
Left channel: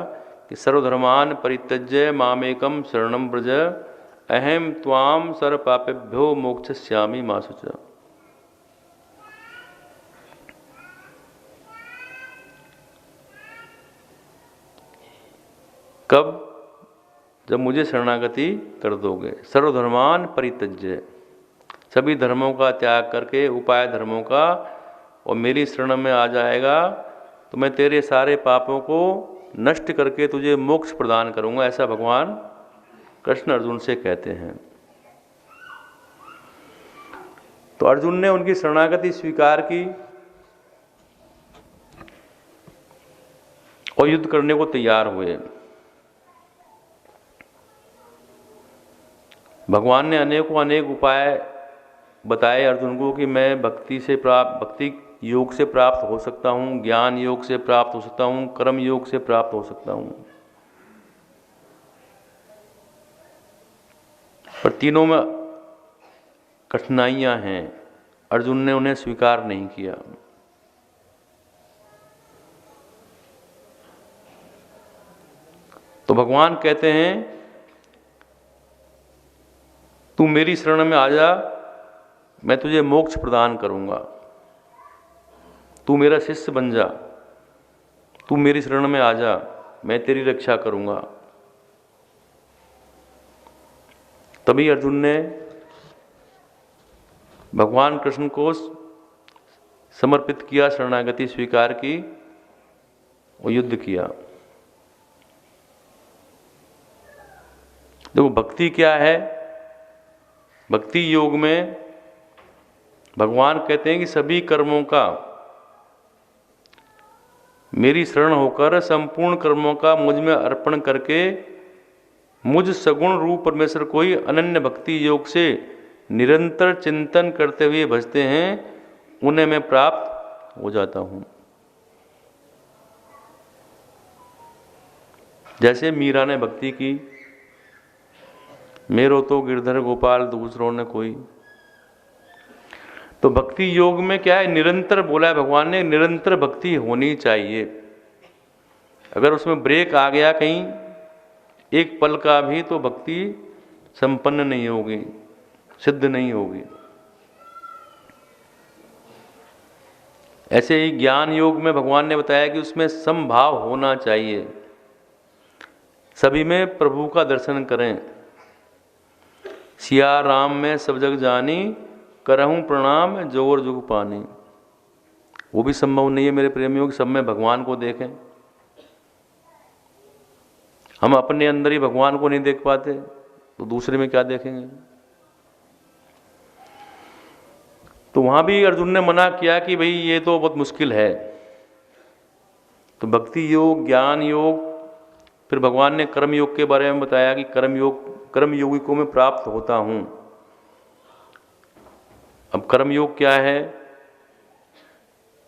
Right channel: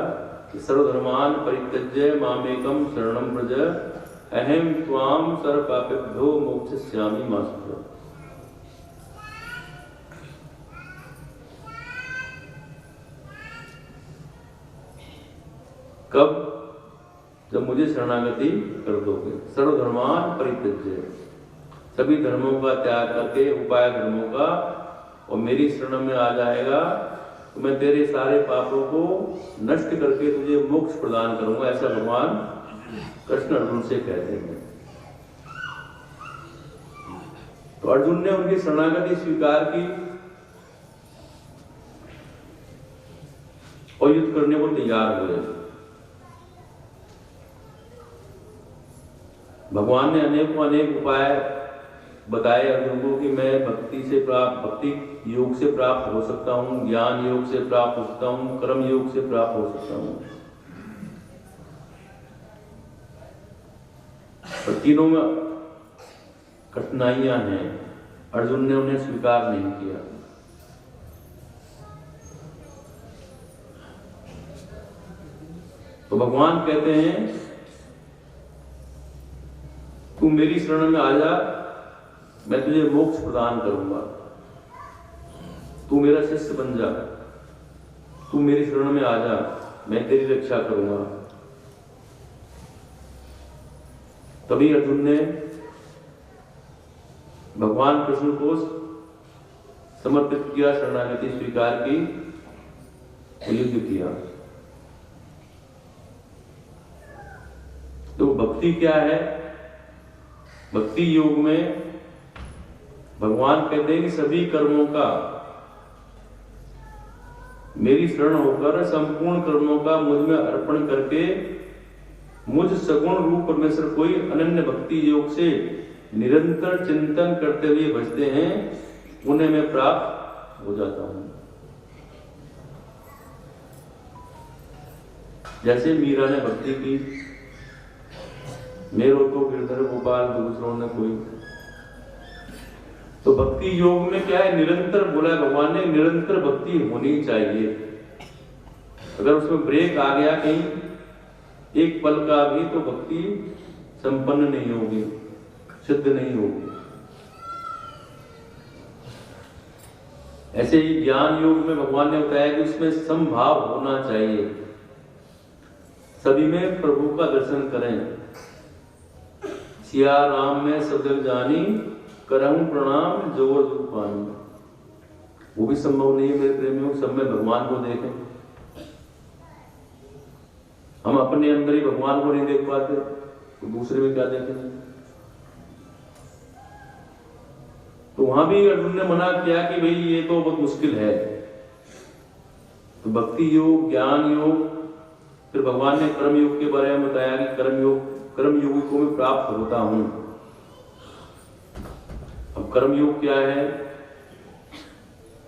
कि सर्वधर्मान परित्यज्य मामेकम शरणं व्रज अहम त्वाम सर्व पापेभ्यो मोक्षयिष्यामि मा शुचः। कब? जब मुझे शरणागति कर दोगे। सर्वधर्मान परित्यज्य, सभी धर्मों का त्याग करके, उपाय धर्मों का, और मेरी शरण में आ जाएगा तो मैं तेरे सारे पापों को नष्ट करके तुझे मोक्ष प्रदान करूंगा। ऐसा भगवान कृष्ण अर्जुन से कहते हैं। तो अर्जुन ने उनकी शरणागति स्वीकार की और युद्ध करने को तैयार हुए। भगवान ने अनेक उपाय बताए अर्जुन को कि मैं भक्ति योग से प्राप्त हो सकता हूँ, ज्ञान योग से प्राप्त हो सकता हूँ, कर्म योग से प्राप्त हो सकता हूँ। पर तीनों में कठिनाइयां हैं, अर्जुन ने उन्हें स्वीकार नहीं किया। तो भगवान कहते हैं तू मेरी शरण में आ जा, मैं तुझे मोक्ष प्रदान करूंगा। तू मेरा शिष्य बन जा, तू मेरी शरण में आ जा, मैं तेरी रक्षा करूंगा। तभी अर्जुन ने भगवान कृष्ण को समर्पित किया, शरणागति स्वीकार की और युद्ध किया। देखो भक्ति क्या है? भक्ति योग में भगवान कहते हैं कि सभी कर्मों का मेरी शरण होकर संपूर्ण कर्मों का मुझ में अर्पण करके मुझ सगुण रूप परमेश्वर कोई अनन्य भक्ति योग से निरंतर चिंतन करते हुए भजते हैं, उन्हें मैं प्राप्त हो जाता हूं। जैसे मीरा ने भक्ति की, मेरो तो गिरधर गोपाल दूसरों ने कोई। तो भक्ति योग में क्या है? निरंतर बोला है भगवान ने, निरंतर भक्ति होनी चाहिए। अगर उसमें ब्रेक आ गया कहीं एक पल का भी, तो भक्ति संपन्न नहीं होगी, सिद्ध नहीं होगी। ऐसे ही ज्ञान योग में भगवान ने बताया कि उसमें समभाव होना चाहिए, सभी में प्रभु का दर्शन करें। सिया राम में सब जग जानी, करहूं प्रणाम जोर जुग पानी। वो भी संभव नहीं है मेरे प्रेमियों कि सब में भगवान को देखें। हम अपने अंदर ही भगवान को नहीं देख पाते तो दूसरे में क्या देखेंगे? तो वहां भी अर्जुन ने मना किया कि भाई ये तो बहुत मुश्किल है। तो भक्ति योग, ज्ञान योग, फिर भगवान ने कर्म योग के बारे में बताया कि कर्म योगी को मैं प्राप्त होता हूं। अब कर्म योग क्या है?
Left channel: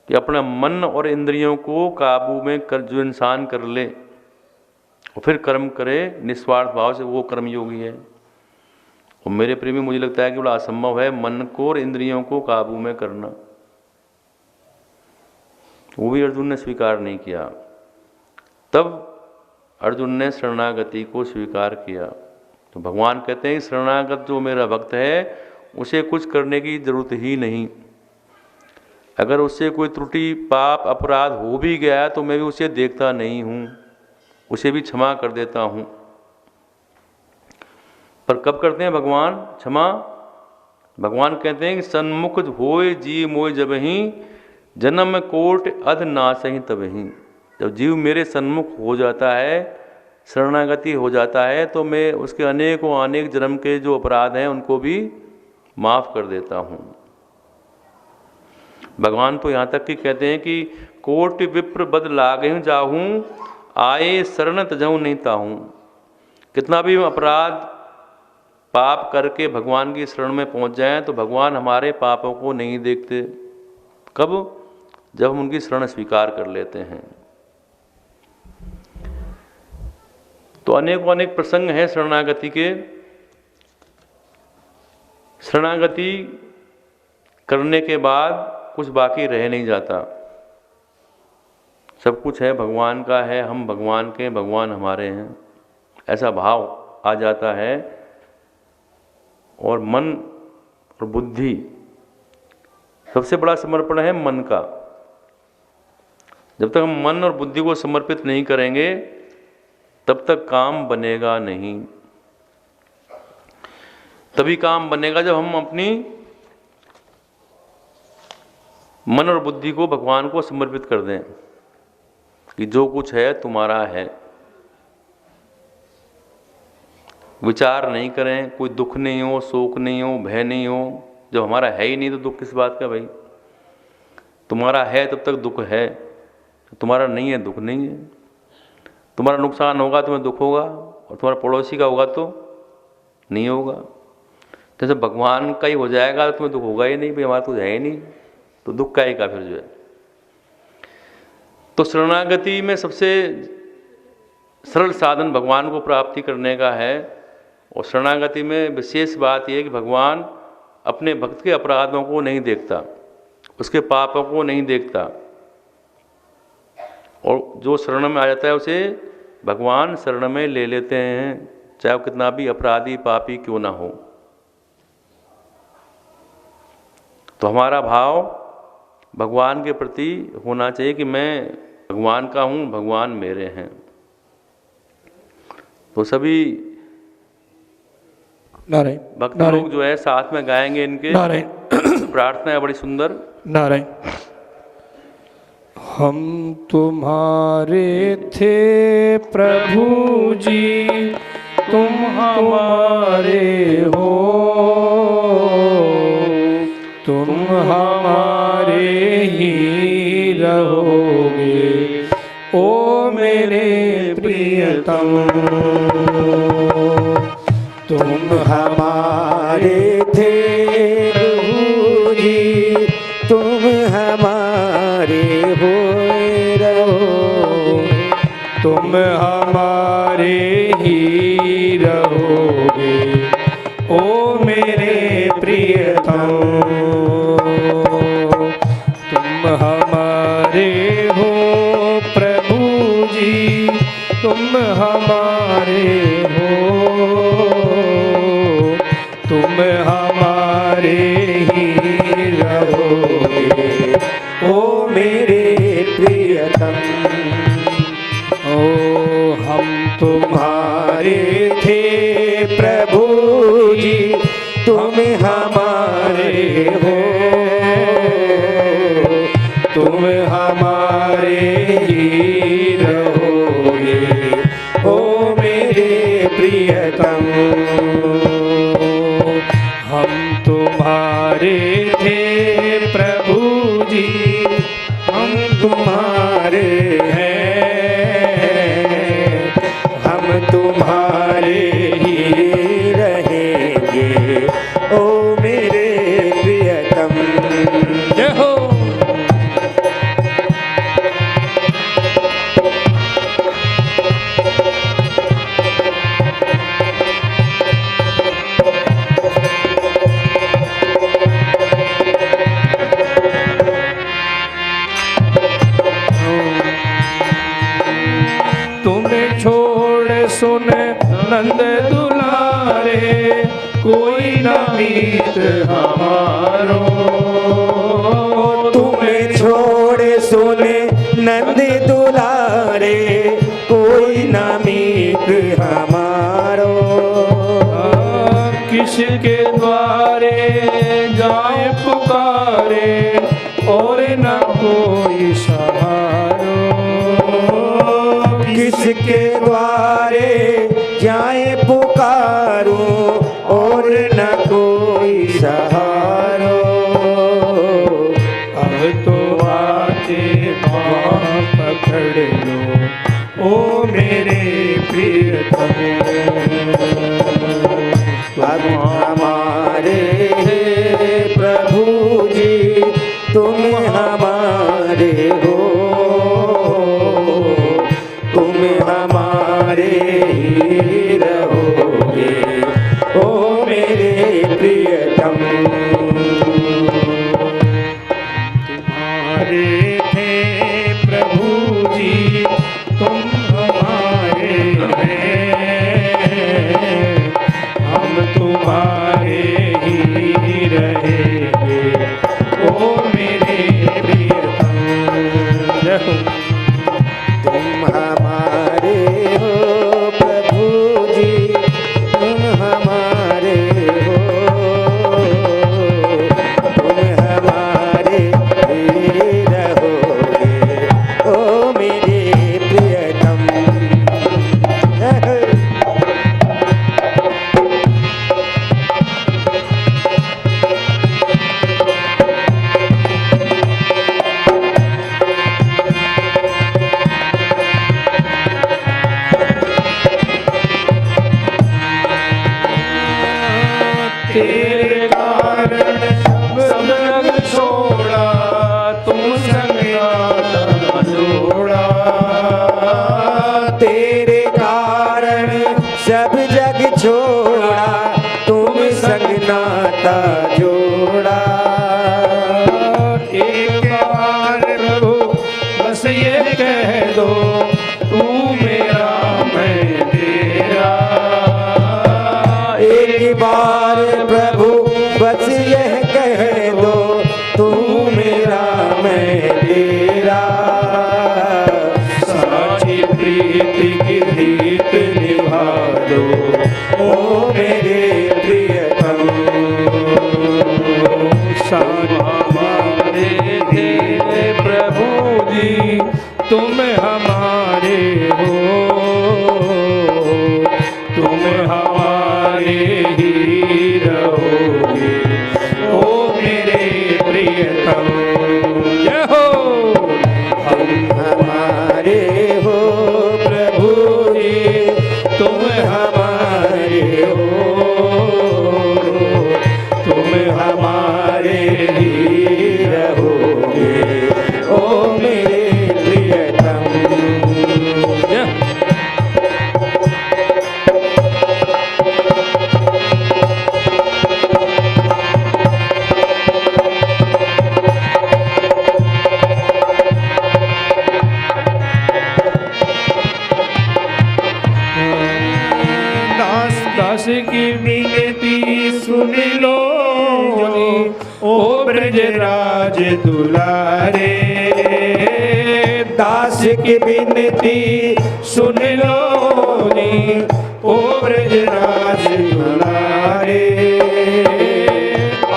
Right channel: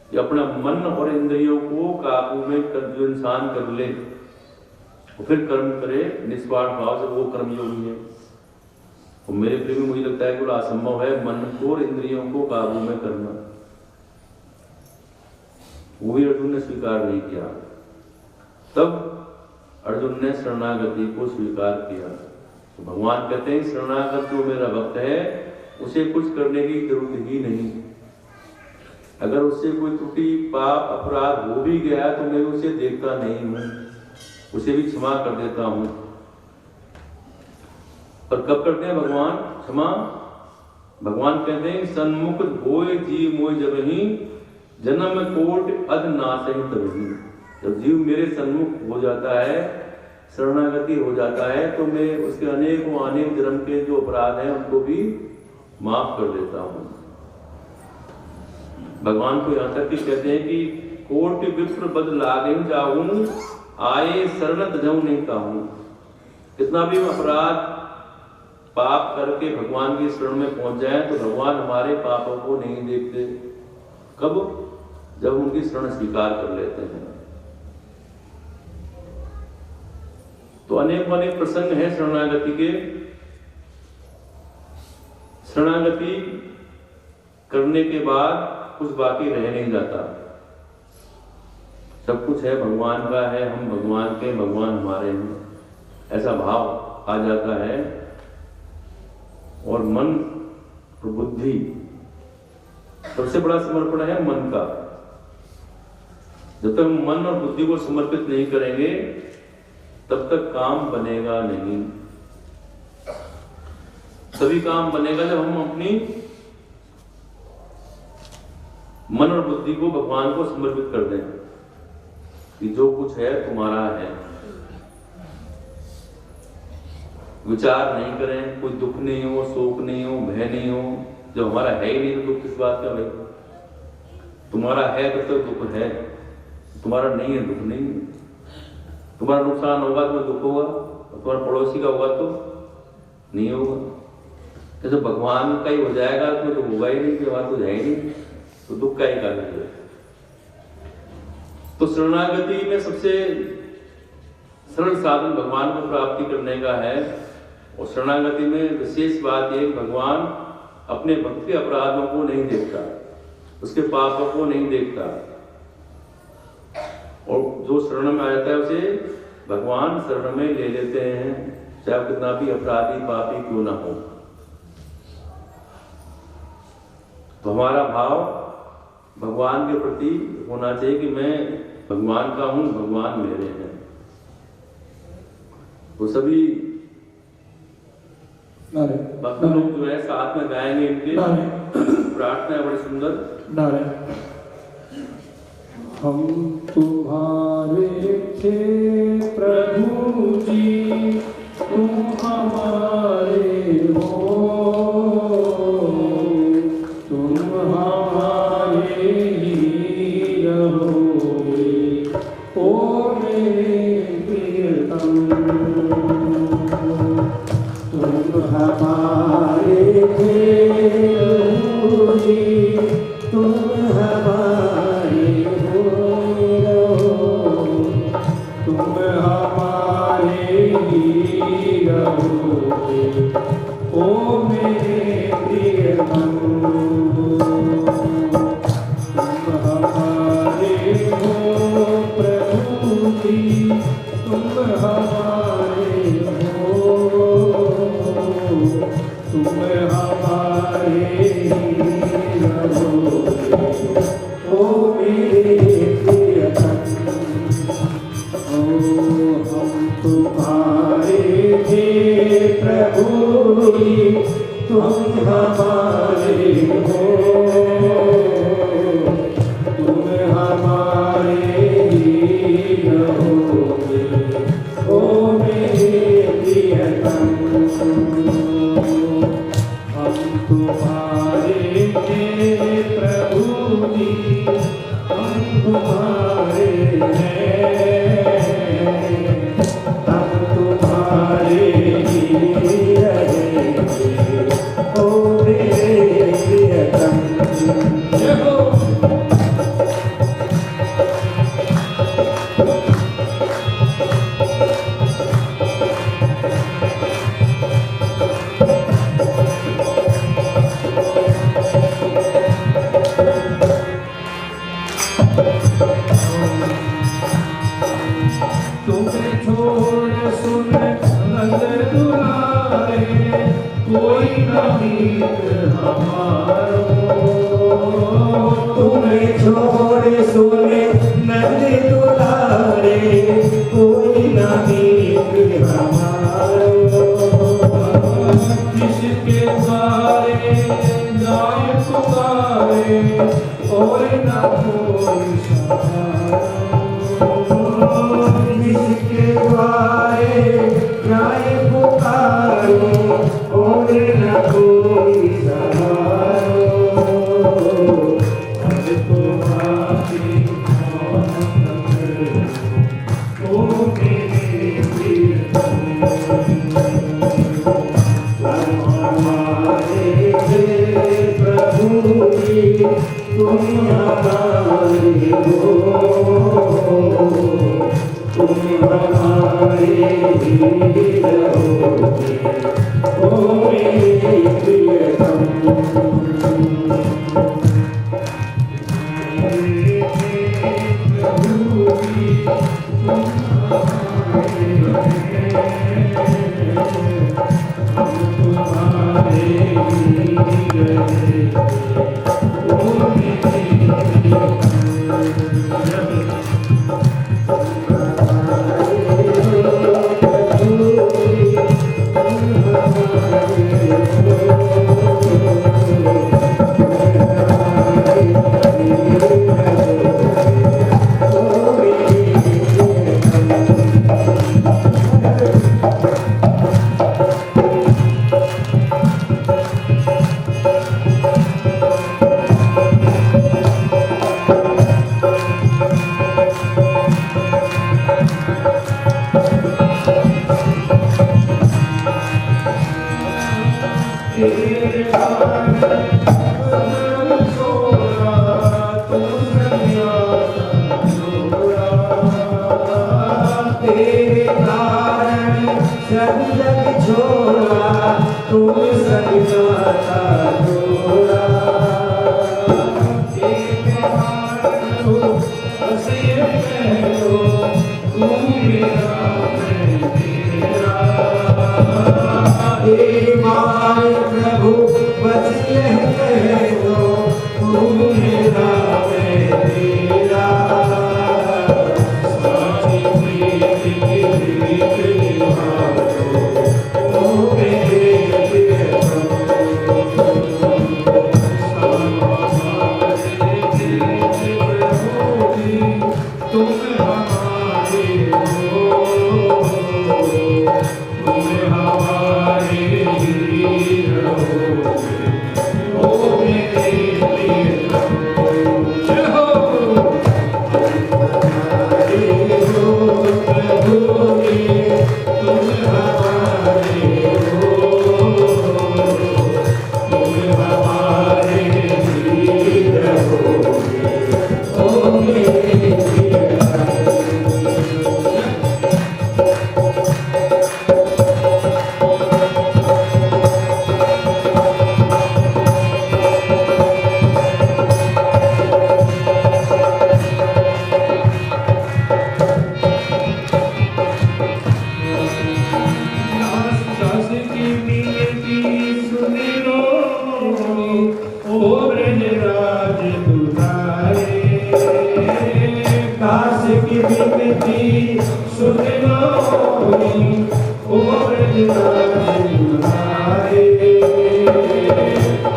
कि अपना मन और इंद्रियों को काबू में कर जो इंसान कर ले और फिर कर्म करे निस्वार्थ भाव से, वो कर्म योगी है। और मेरे प्रेमी मुझे लगता है कि बड़ा असंभव है मन को और इंद्रियों को काबू में करना। वो भी अर्जुन ने स्वीकार नहीं किया। तब अर्जुन ने शरणागति को स्वीकार किया। तो भगवान कहते हैं शरणागत जो मेरा भक्त है उसे कुछ करने की जरूरत ही नहीं। अगर उससे कोई त्रुटि पाप अपराध हो भी गया तो मैं भी उसे देखता नहीं हूं, उसे भी क्षमा कर देता हूं। पर कब करते हैं भगवान क्षमा? भगवान कहते हैं कि सन्मुख होए जी मोय जबहि, जन्म कोट अध नासहि तबहि। जब जीव मेरे सन्मुख हो जाता है, शरणागति हो जाता है, तो मैं उसके अनेकों अनेक जन्म के जो अपराध हैं उनको भी माफ कर देता हूँ। भगवान तो यहाँ तक कि कहते हैं कि कोटि विप्र बद लागहिं जाहूँ, आए शरण तजहु नहीं ताहूँ। कितना भी अपराध पाप करके भगवान की शरण में पहुँच जाए तो भगवान हमारे पापों को नहीं देखते। कब? जब उनकी शरण स्वीकार कर लेते हैं। तो अनेकों अनेक प्रसंग हैं शरणागति के। शरणागति करने के बाद कुछ बाकी रह नहीं जाता, सब कुछ है भगवान का है, हम भगवान के, भगवान हमारे हैं, ऐसा भाव आ जाता है। और मन और बुद्धि, सबसे बड़ा समर्पण है मन का। जब तक हम मन और बुद्धि को समर्पित नहीं करेंगे तब तक काम बनेगा नहीं। तभी काम बनेगा जब हम अपनी मन और बुद्धि को भगवान को समर्पित कर दें कि जो कुछ है तुम्हारा है। विचार नहीं करें, कोई दुख नहीं हो, शोक नहीं हो, भय नहीं हो। जब हमारा है ही नहीं तो दुख किस बात का भाई? तुम्हारा है तब तक दुख है, तुम्हारा नहीं है दुख नहीं है। तुम्हारा नुकसान होगा तुम्हें दुख होगा, और तुम्हारा पड़ोसी का होगा तो नहीं होगा। तो जब भगवान का ही हो जाएगा तो तुम्हें दुख होगा ही नहीं, हमारा तो है ही नहीं, तो दुख का ही काबिल जो है। तो शरणागति में सबसे सरल साधन भगवान को प्राप्ति करने का है। और शरणागति में विशेष बात यह है कि भगवान अपने भक्त के अपराधों को नहीं देखता, उसके पापों को नहीं देखता, और जो शरण में आ जाता है उसे भगवान शरण में ले लेते हैं, चाहे वो कितना भी अपराधी पापी क्यों ना हो। तो हमारा भाव भगवान के प्रति होना चाहिए कि मैं भगवान का हूँ, भगवान मेरे हैं। तो सभी भक्त लोग जो है साथ में गाएंगे इनके। प्रार्थना है बड़ी सुंदर। नारायण। हम तुम्हारे थे प्रभु जी, तुम हमारे हो, तुम हमारे ही रहोगे, ओ मेरे प्रियतम। तुम हमारे थे प्रभु जी, तुम हमारे हो रहो, तुम हमारे ही रहोगे, ओ मेरे प्रियतम। तुम हमारे हो प्रभु जी, तुम हमारे हो, तुम हमारे ही रहोगे, ओ मेरे प्रियतम। ओ हम तुम्हारे थे प्रभु जी, तुम हमारे हो, तुम हमारे ही रहोगे, ओ मेरे प्रियतम। हम तुम्हारे थे प्रभु जी, हम तुम्हारे हैं, हम तुम्हारे ही रहेंगे, ओ मेरे प्रियतम। जय हो। तुम्हें छोड़ सुन नंद दुलारे, कोई न मीत हमारो। तुम्हें छोड़ सुन नंद दुलारे, कोई न मीत हमारो। किसके द्वारे तुम्हारे जाए पुकारूं और न कोई सहारो। अब तो आके पाँव पकड़ लो ओ मेरे प्रियतम। तुम हमारे प्रभु जी, तुम हमारे हो, तुम हमारे ही रहोगे ओ मेरे प्रियतम। तुम्हारे थे प्रभु जी, तुम हमारे हैं, हम तुम्हारे ही रहेंगे ओ मेरे प्रियतम। तुम हमारे हो प्रभु जी, तुम हमारे हो, तुम हमारे ही रहोगे ओ मेरे प्रियतम। तेरे कारण सब जग छोड़ा, तुम संग जोड़ा। तेरे कारण सब जग छोड़ा, तुम संग नाता जोड़ा। एक बार प्रभु बस ये कह दो, तू मेरा मैं तेरा। एक बार प्रभु बस यह कह दो, तू मेरा मैं तेरा। साची प्रीति की प्रीत निभा दो ओ मेरे प्रियतम। हमारे दिल प्रभु जी, तुम हमारे हो, तुम हमारे ही रहोगे ओ मेरे प्रियतम। जय हो। हमारे हो प्रभु जी, तुम हमारे हो, तुम हमारे ही रहोगे ओ मेरे प्रियतम। दास दास की विनती सुन लो ओ ब्रजराज दुलारे। दास की विनती सुन लो ओ ब्रजराज दुलारे।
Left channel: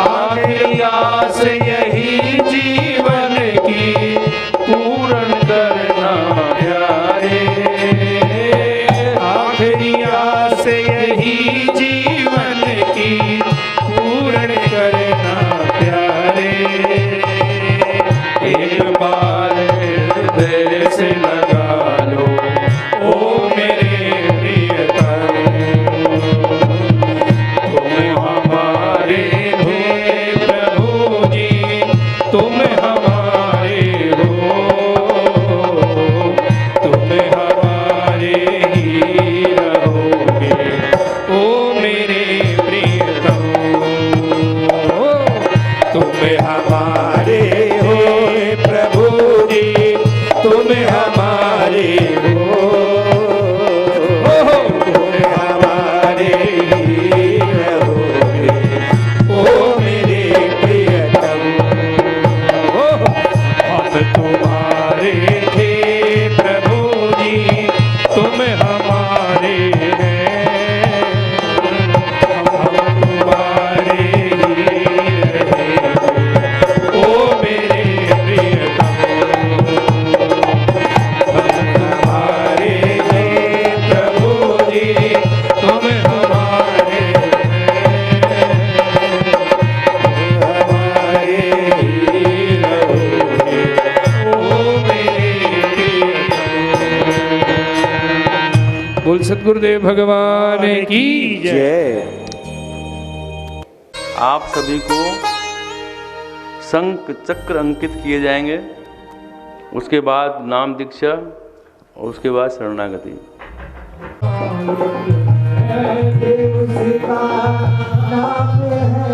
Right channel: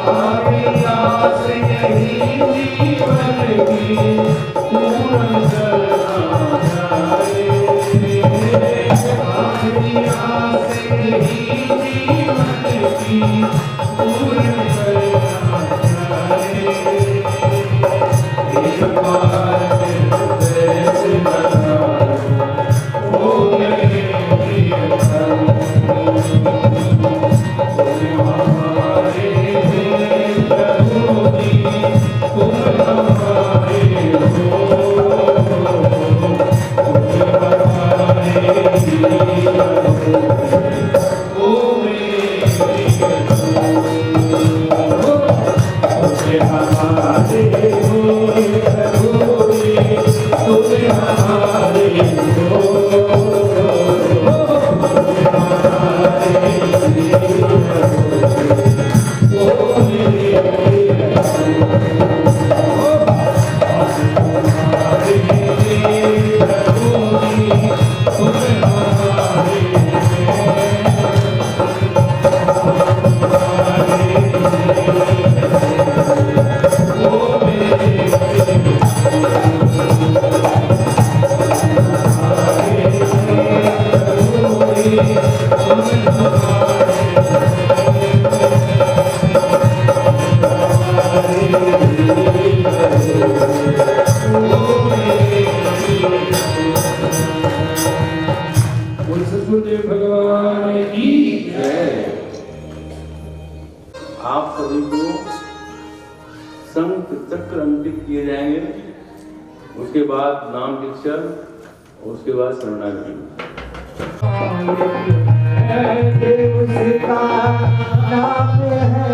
आखिरी आस यही जीवन की पूर्ण करना प्यारे। आखिरी आस यही जीवन की पूर्ण करना प्यारे। एक बार हृदय से लगा लो ओ मेरे प्रियतम। तुम हमारे थे प्रभु जी, तुम हमारे हो, तुम हमारे ही रहोगे ओ मेरे प्रियतम। तुम हमारे हो प्रभु जी, तुम हमारे हो, तुम हमारे ही रहोगे ओ मेरे प्रियतम। और तुम्हारे थे प्रभु जी, तुम हमारे गुरुदेव भगवान की जय। आप सभी को शंख चक्र अंकित किए जाएंगे, उसके बाद नाम दीक्षा और उसके बाद शरणागति। देव सीता नाम है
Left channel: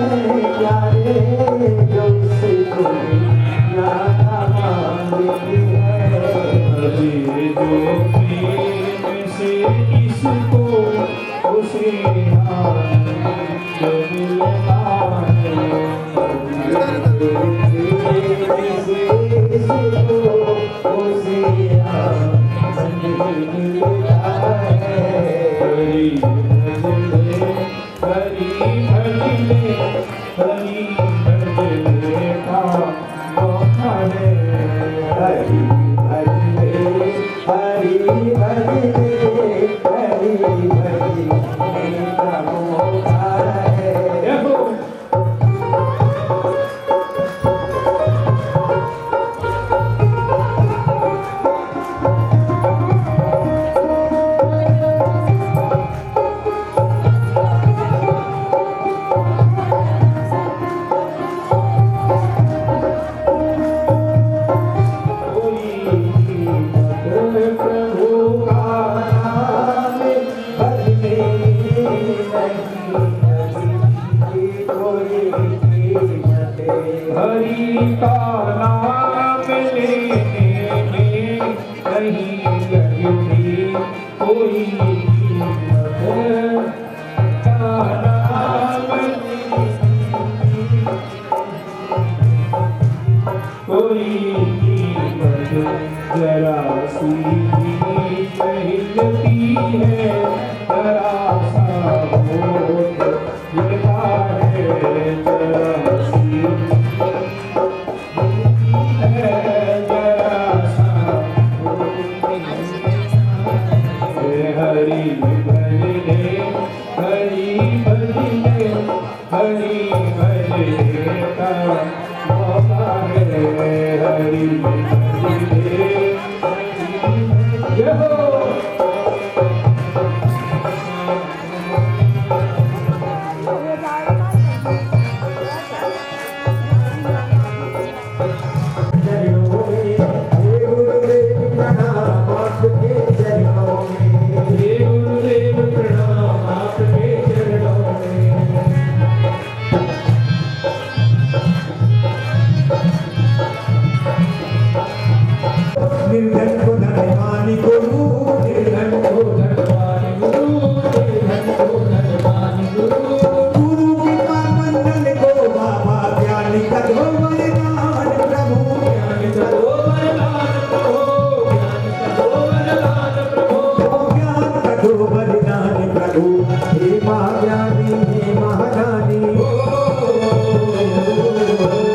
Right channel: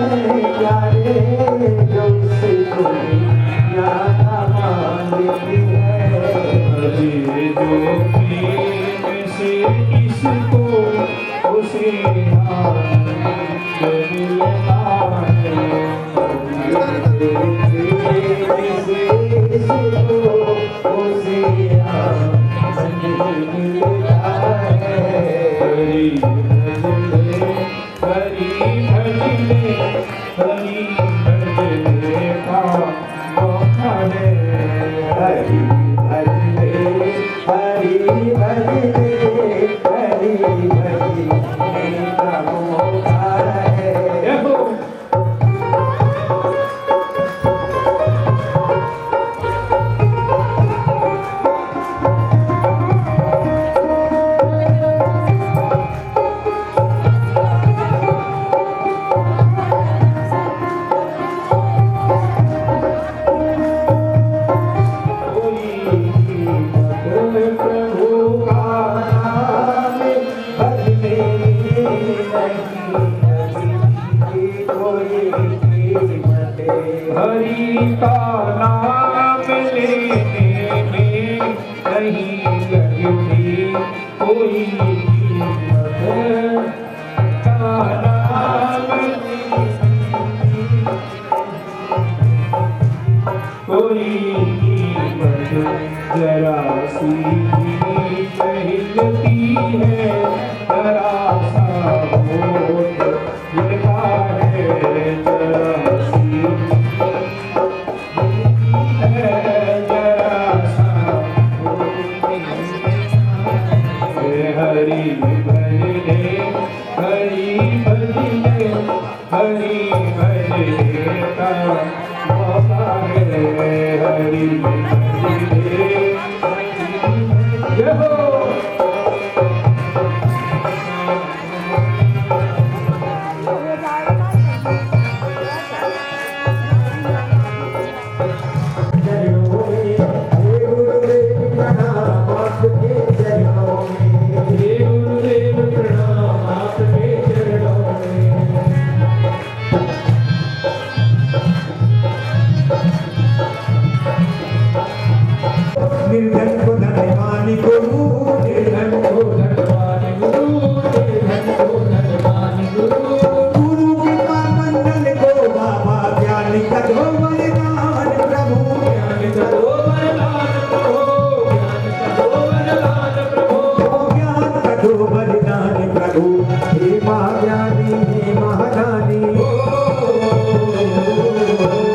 प्यारे, जो उसको याद मांगती है। जो प्रेम से इसको उसे आनंद मिलता है। हरि का नाम लेने में नहीं लगती कोई कीमत। का नाम कोई कीमत जरा सी कहती है, जरा सा होठ गिरता है, जरा सी हरि भजने हरि भजने का मौका है। हरि भजने जय हो। निर्धन को धनवानी गुरु, निर्धन को धनवानी गुरु, निर्धन को धनवानी गुरु। गुरु कृपा मंडल को बाबा ज्ञान का दो वरदान प्रभु, ज्ञान का दो वरदान प्रभु, ज्ञान का दो वरदान प्रभु, ज्ञान का दो वरदान प्रभु। हे महाज्ञानी हे महादानी,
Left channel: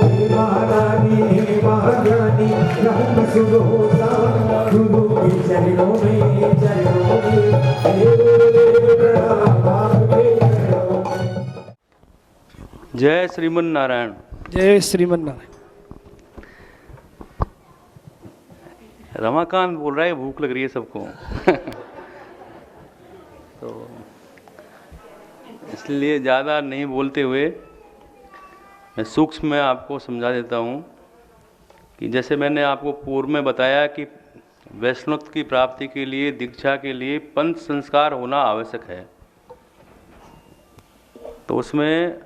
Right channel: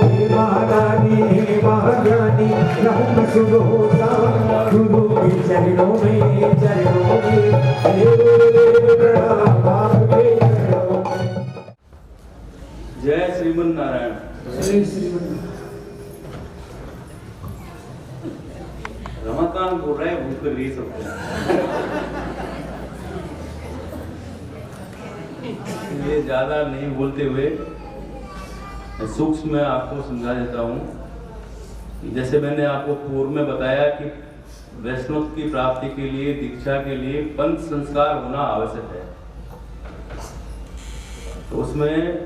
हे महादानी हे महाज्ञानी, ब्रह्म शुभ होता गुरु के चरणों में, चरणों में। हे गुरुदेव प्रणाम आपके चरणों में। जय श्रीमन नारायण। जय श्रीमन्नारायण। रमाकांत बोल रहा है, भूख लग रही है सबको। इसलिए ज़्यादा नहीं बोलते हुए मैं सूक्ष्म में आपको समझा देता हूँ कि जैसे मैंने आपको पूर्व में बताया कि वैष्णव की प्राप्ति के लिए, दीक्षा के लिए पंच संस्कार होना आवश्यक है। तो उसमें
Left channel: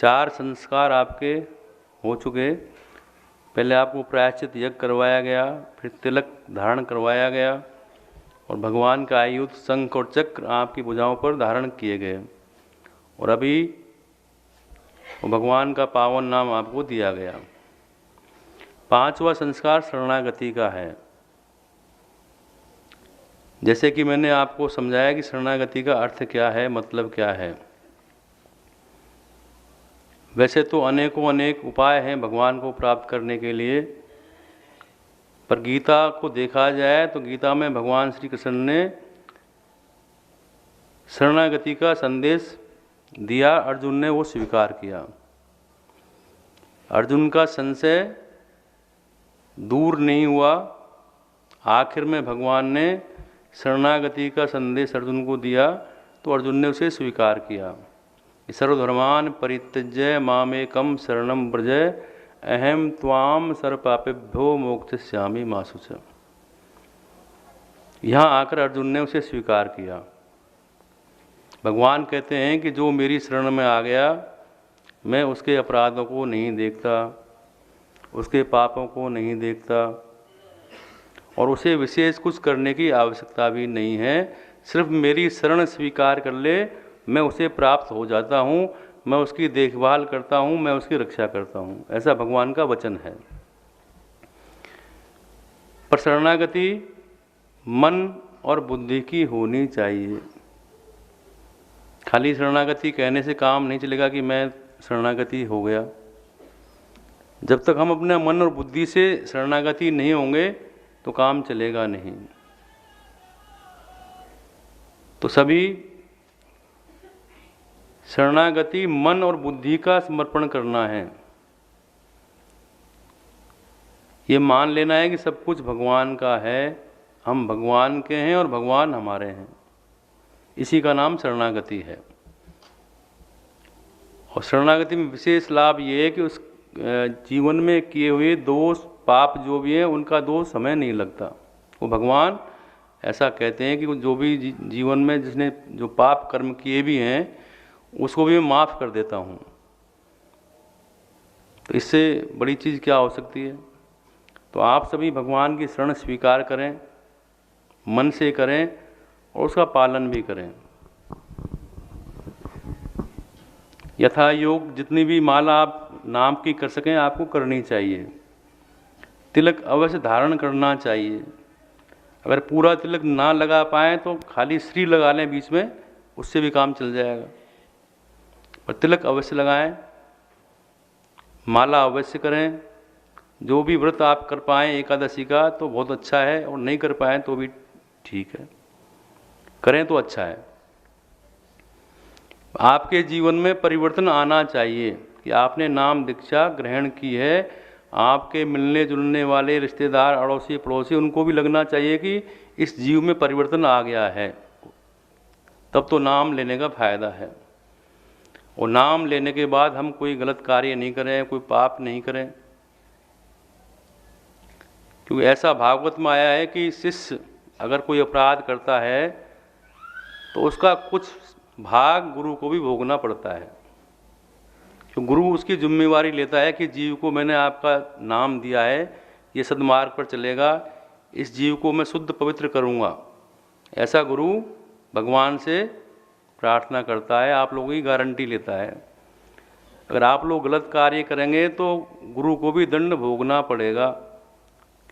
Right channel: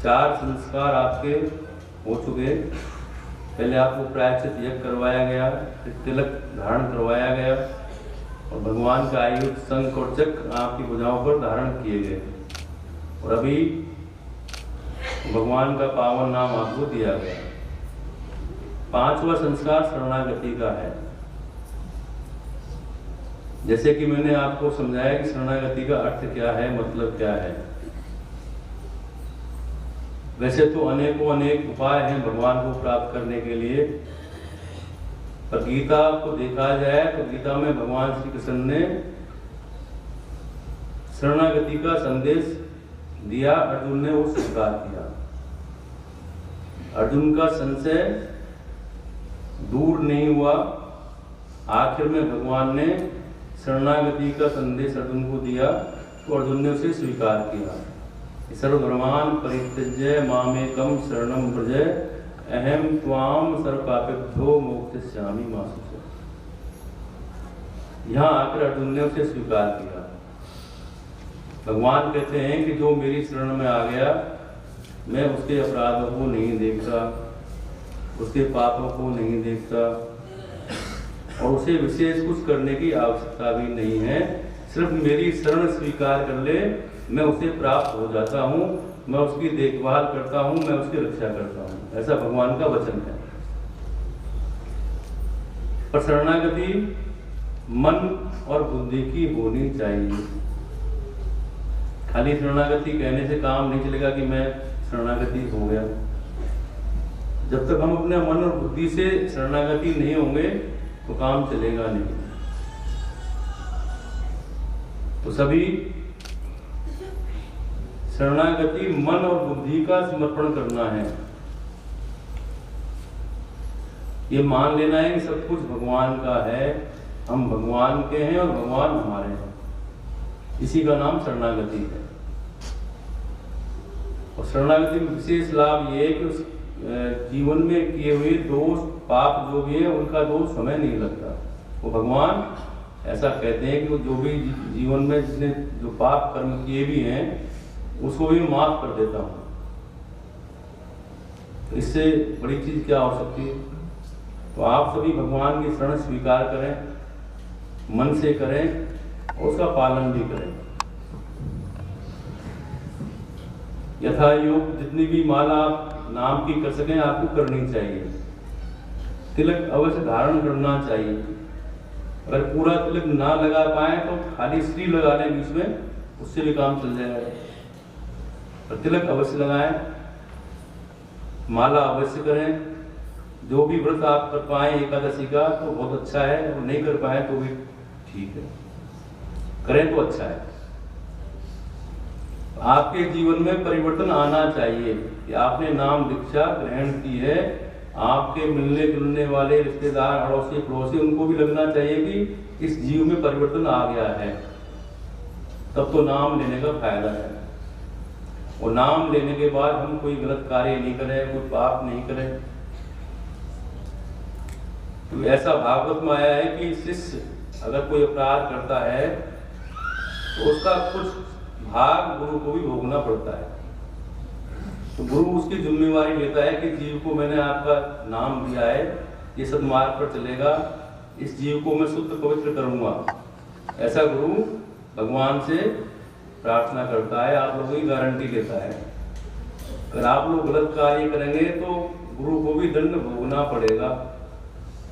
4 संस्कार आपके हो चुके। पहले आपको प्रायश्चित यज्ञ करवाया गया, फिर तिलक धारण करवाया गया और भगवान का आयुध शंख और चक्र आपकी भुजाओं पर धारण किए गए। और अभी भगवान का पावन नाम आपको दिया गया। 5वां संस्कार शरणागति का है। जैसे कि मैंने आपको समझाया कि शरणागति का अर्थ क्या है, मतलब क्या है। वैसे तो अनेकों अनेक उपाय हैं भगवान को प्राप्त करने के लिए, पर गीता को देखा जाए तो गीता में भगवान श्री कृष्ण ने शरणागति का संदेश दिया। अर्जुन ने वो स्वीकार किया। अर्जुन का संशय दूर नहीं हुआ। आखिर में भगवान ने शरणागति का संदेश अर्जुन को दिया तो अर्जुन ने उसे स्वीकार किया। सर्वधर्मान परित्यज्य मामेकम शरणम व्रजय अहम त्वाम सर्वपापेभ्यो मोक्षयिष्यामि मा शुचः। यहाँ आकर अर्जुन ने उसे स्वीकार किया। भगवान कहते हैं कि जो मेरी शरण में आ गया, मैं उसके अपराधों को नहीं देखता, उसके पापों को नहीं देखता, और उसे विशेष कुछ करने की आवश्यकता भी नहीं है। सिर्फ मेरी शरण स्वीकार कर ले, मैं उसे प्राप्त हो जाता हूँ, मैं उसकी देखभाल करता हूँ, मैं उसकी रक्षा करता हूँ। ऐसा भगवान का वचन है। पर शरणागति मन और बुद्धि की होनी चाहिए। खाली शरणागति कहने से काम नहीं चलेगा कि मैं शरणागति हो गया। जब तक हम अपने मन और बुद्धि से शरणागति नहीं होंगे तो काम चलेगा नहीं। तो सभी शरणागति मन और बुद्धि का समर्पण करना है। ये मान लेना है कि सब कुछ भगवान का है, हम भगवान के हैं और भगवान हमारे हैं। इसी का नाम शरणागति है। और शरणागति में विशेष लाभ ये है कि उस जीवन में किए हुए दोष पाप जो भी है उनका दोष हमें नहीं लगता। वो भगवान ऐसा कहते हैं कि वो जो भी जीवन में जिसने जो पाप कर्म किए भी हैं उसको भी मैं माफ़ कर देता हूँ। तो इससे बड़ी चीज़ क्या हो सकती है। तो आप सभी भगवान की शरण स्वीकार करें, मन से करें और उसका पालन भी करें। यथा योग जितनी भी माला आप नाम की कर सकें आपको करनी चाहिए। तिलक अवश्य धारण करना चाहिए। अगर पूरा तिलक ना लगा पाए तो खाली श्री लगा लें बीच में, उससे भी काम चल जाएगा। पर तिलक अवश्य लगाएं, माला अवश्य करें। जो भी व्रत आप कर पाएँ एकादशी का तो बहुत अच्छा है, और नहीं कर पाए तो भी ठीक है, करें तो अच्छा है। आपके जीवन में परिवर्तन आना चाहिए कि आपने नाम दीक्षा ग्रहण की है, आपके मिलने जुलने वाले रिश्तेदार अड़ोसी पड़ोसी उनको भी लगना चाहिए कि इस जीव में परिवर्तन आ गया है। तब तो नाम लेने का फायदा है। और नाम लेने के बाद हम कोई गलत कार्य नहीं करें, कोई पाप नहीं करें। क्योंकि ऐसा भागवत में आया है कि शिष्य अगर कोई अपराध करता है तो उसका कुछ भाग गुरु को भी भोगना पड़ता है। तो गुरु उसकी जिम्मेवारी लेता है कि जीव को मैंने आपका नाम दिया है, ये सद्मार्ग पर चलेगा, इस जीव को मैं शुद्ध पवित्र करूँगा। ऐसा गुरु भगवान से प्रार्थना करता है, आप लोगों की गारंटी लेता है। अगर आप लोग गलत कार्य करेंगे तो गुरु को भी दंड भोगना पड़ेगा।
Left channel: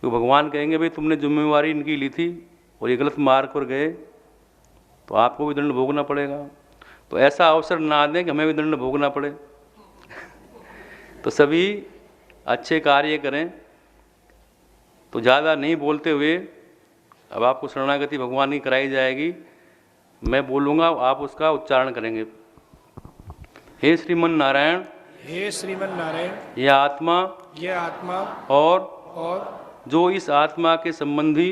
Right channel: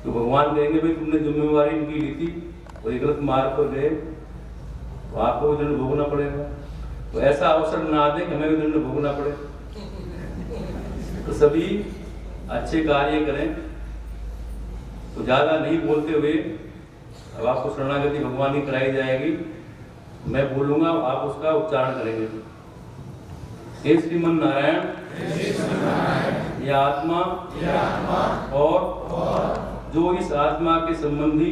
तो भगवान कहेंगे भाई तुमने जिम्मेवारी इनकी ली थी और ये गलत मार्ग पर गए तो आपको भी दंड भोगना पड़ेगा। तो ऐसा अवसर ना दें कि हमें भी दंड भोगना पड़े। तो सभी अच्छे कार्य करें। तो ज़्यादा नहीं बोलते हुए अब आपको शरणागति भगवान की कराई जाएगी। मैं बोलूँगा, आप उसका उच्चारण करेंगे। हे श्रीमन नारायण, यह आत्मा और जो इस आत्मा के संबंधी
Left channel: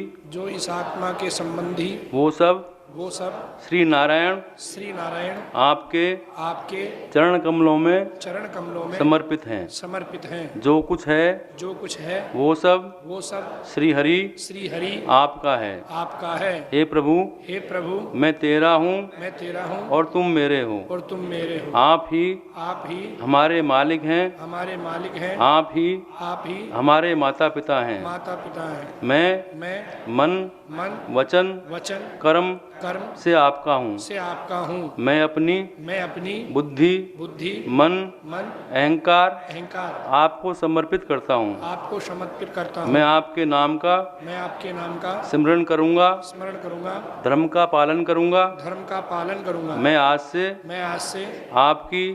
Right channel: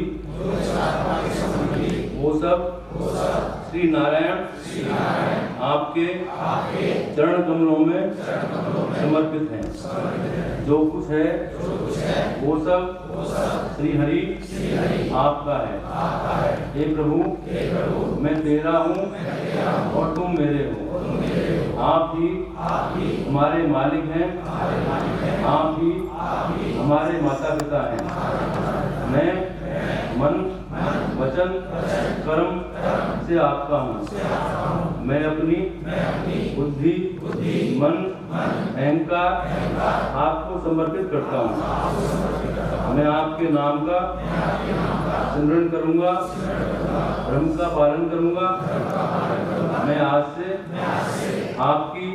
वो सब श्री नारायण आपके चरण कमलों में समर्पित हैं। जो कुछ है वो सब श्री हरि आपका है। हे प्रभु, मैं तेरा हूँ और तुम मेरे हो। आप ही हमारे मालिक हैं, आप ही हमारे माता पिता हैं। मैं मन वचन कर्म से आपका हूँ। मैं अपनी बुद्धि मन अहंकार आपको समर्पित करता हूँ। मैं आपके नाम का सिमरन करूँगा, धर्म का पालन करूँगा। मैं आज से आपकी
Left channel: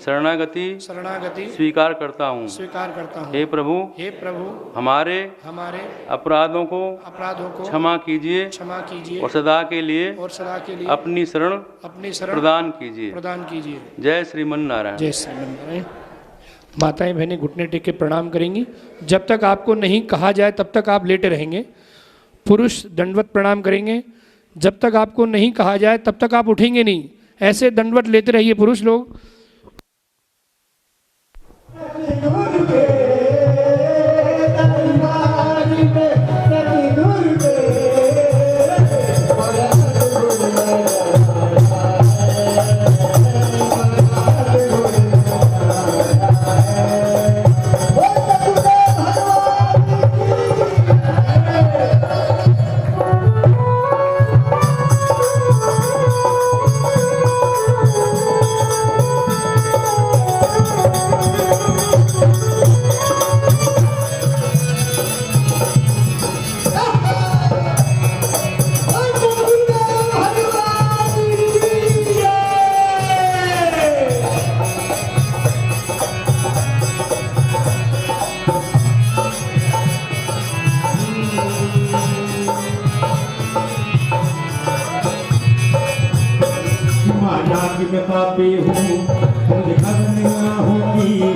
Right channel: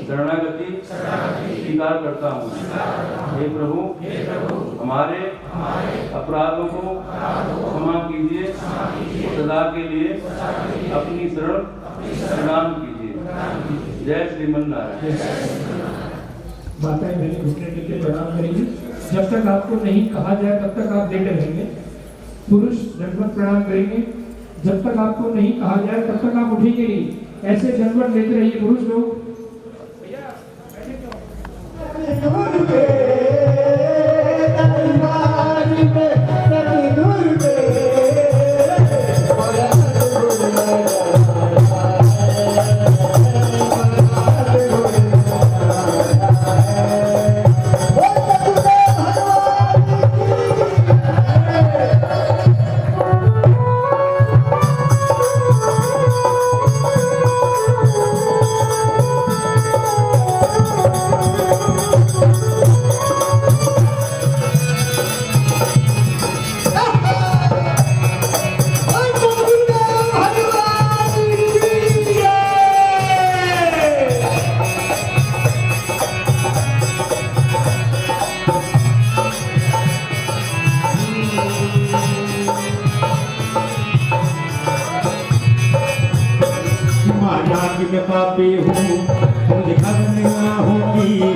शरणागति स्वीकार करता हूँ। हे प्रभु, हमारे अपराधों को क्षमा कीजिए और सदा के लिए अपनी शरण प्रदान कीजिए। जय श्रीमन नारायण। माताएं बहनें घुटने टेक के प्रणाम करेंगी। जब तक आपको नहीं कहा जाए तब तक आप लेटे रहेंगे। पुरुष दंडवत प्रणाम करेंगे। जब तक आपको नहीं कहा जाए तब तक आप उठेंगे नहीं, ऐसे दंडवत लेते रहिए पुरुष लोग। माना कि मैं पापी हूँ, मुझे करना होगी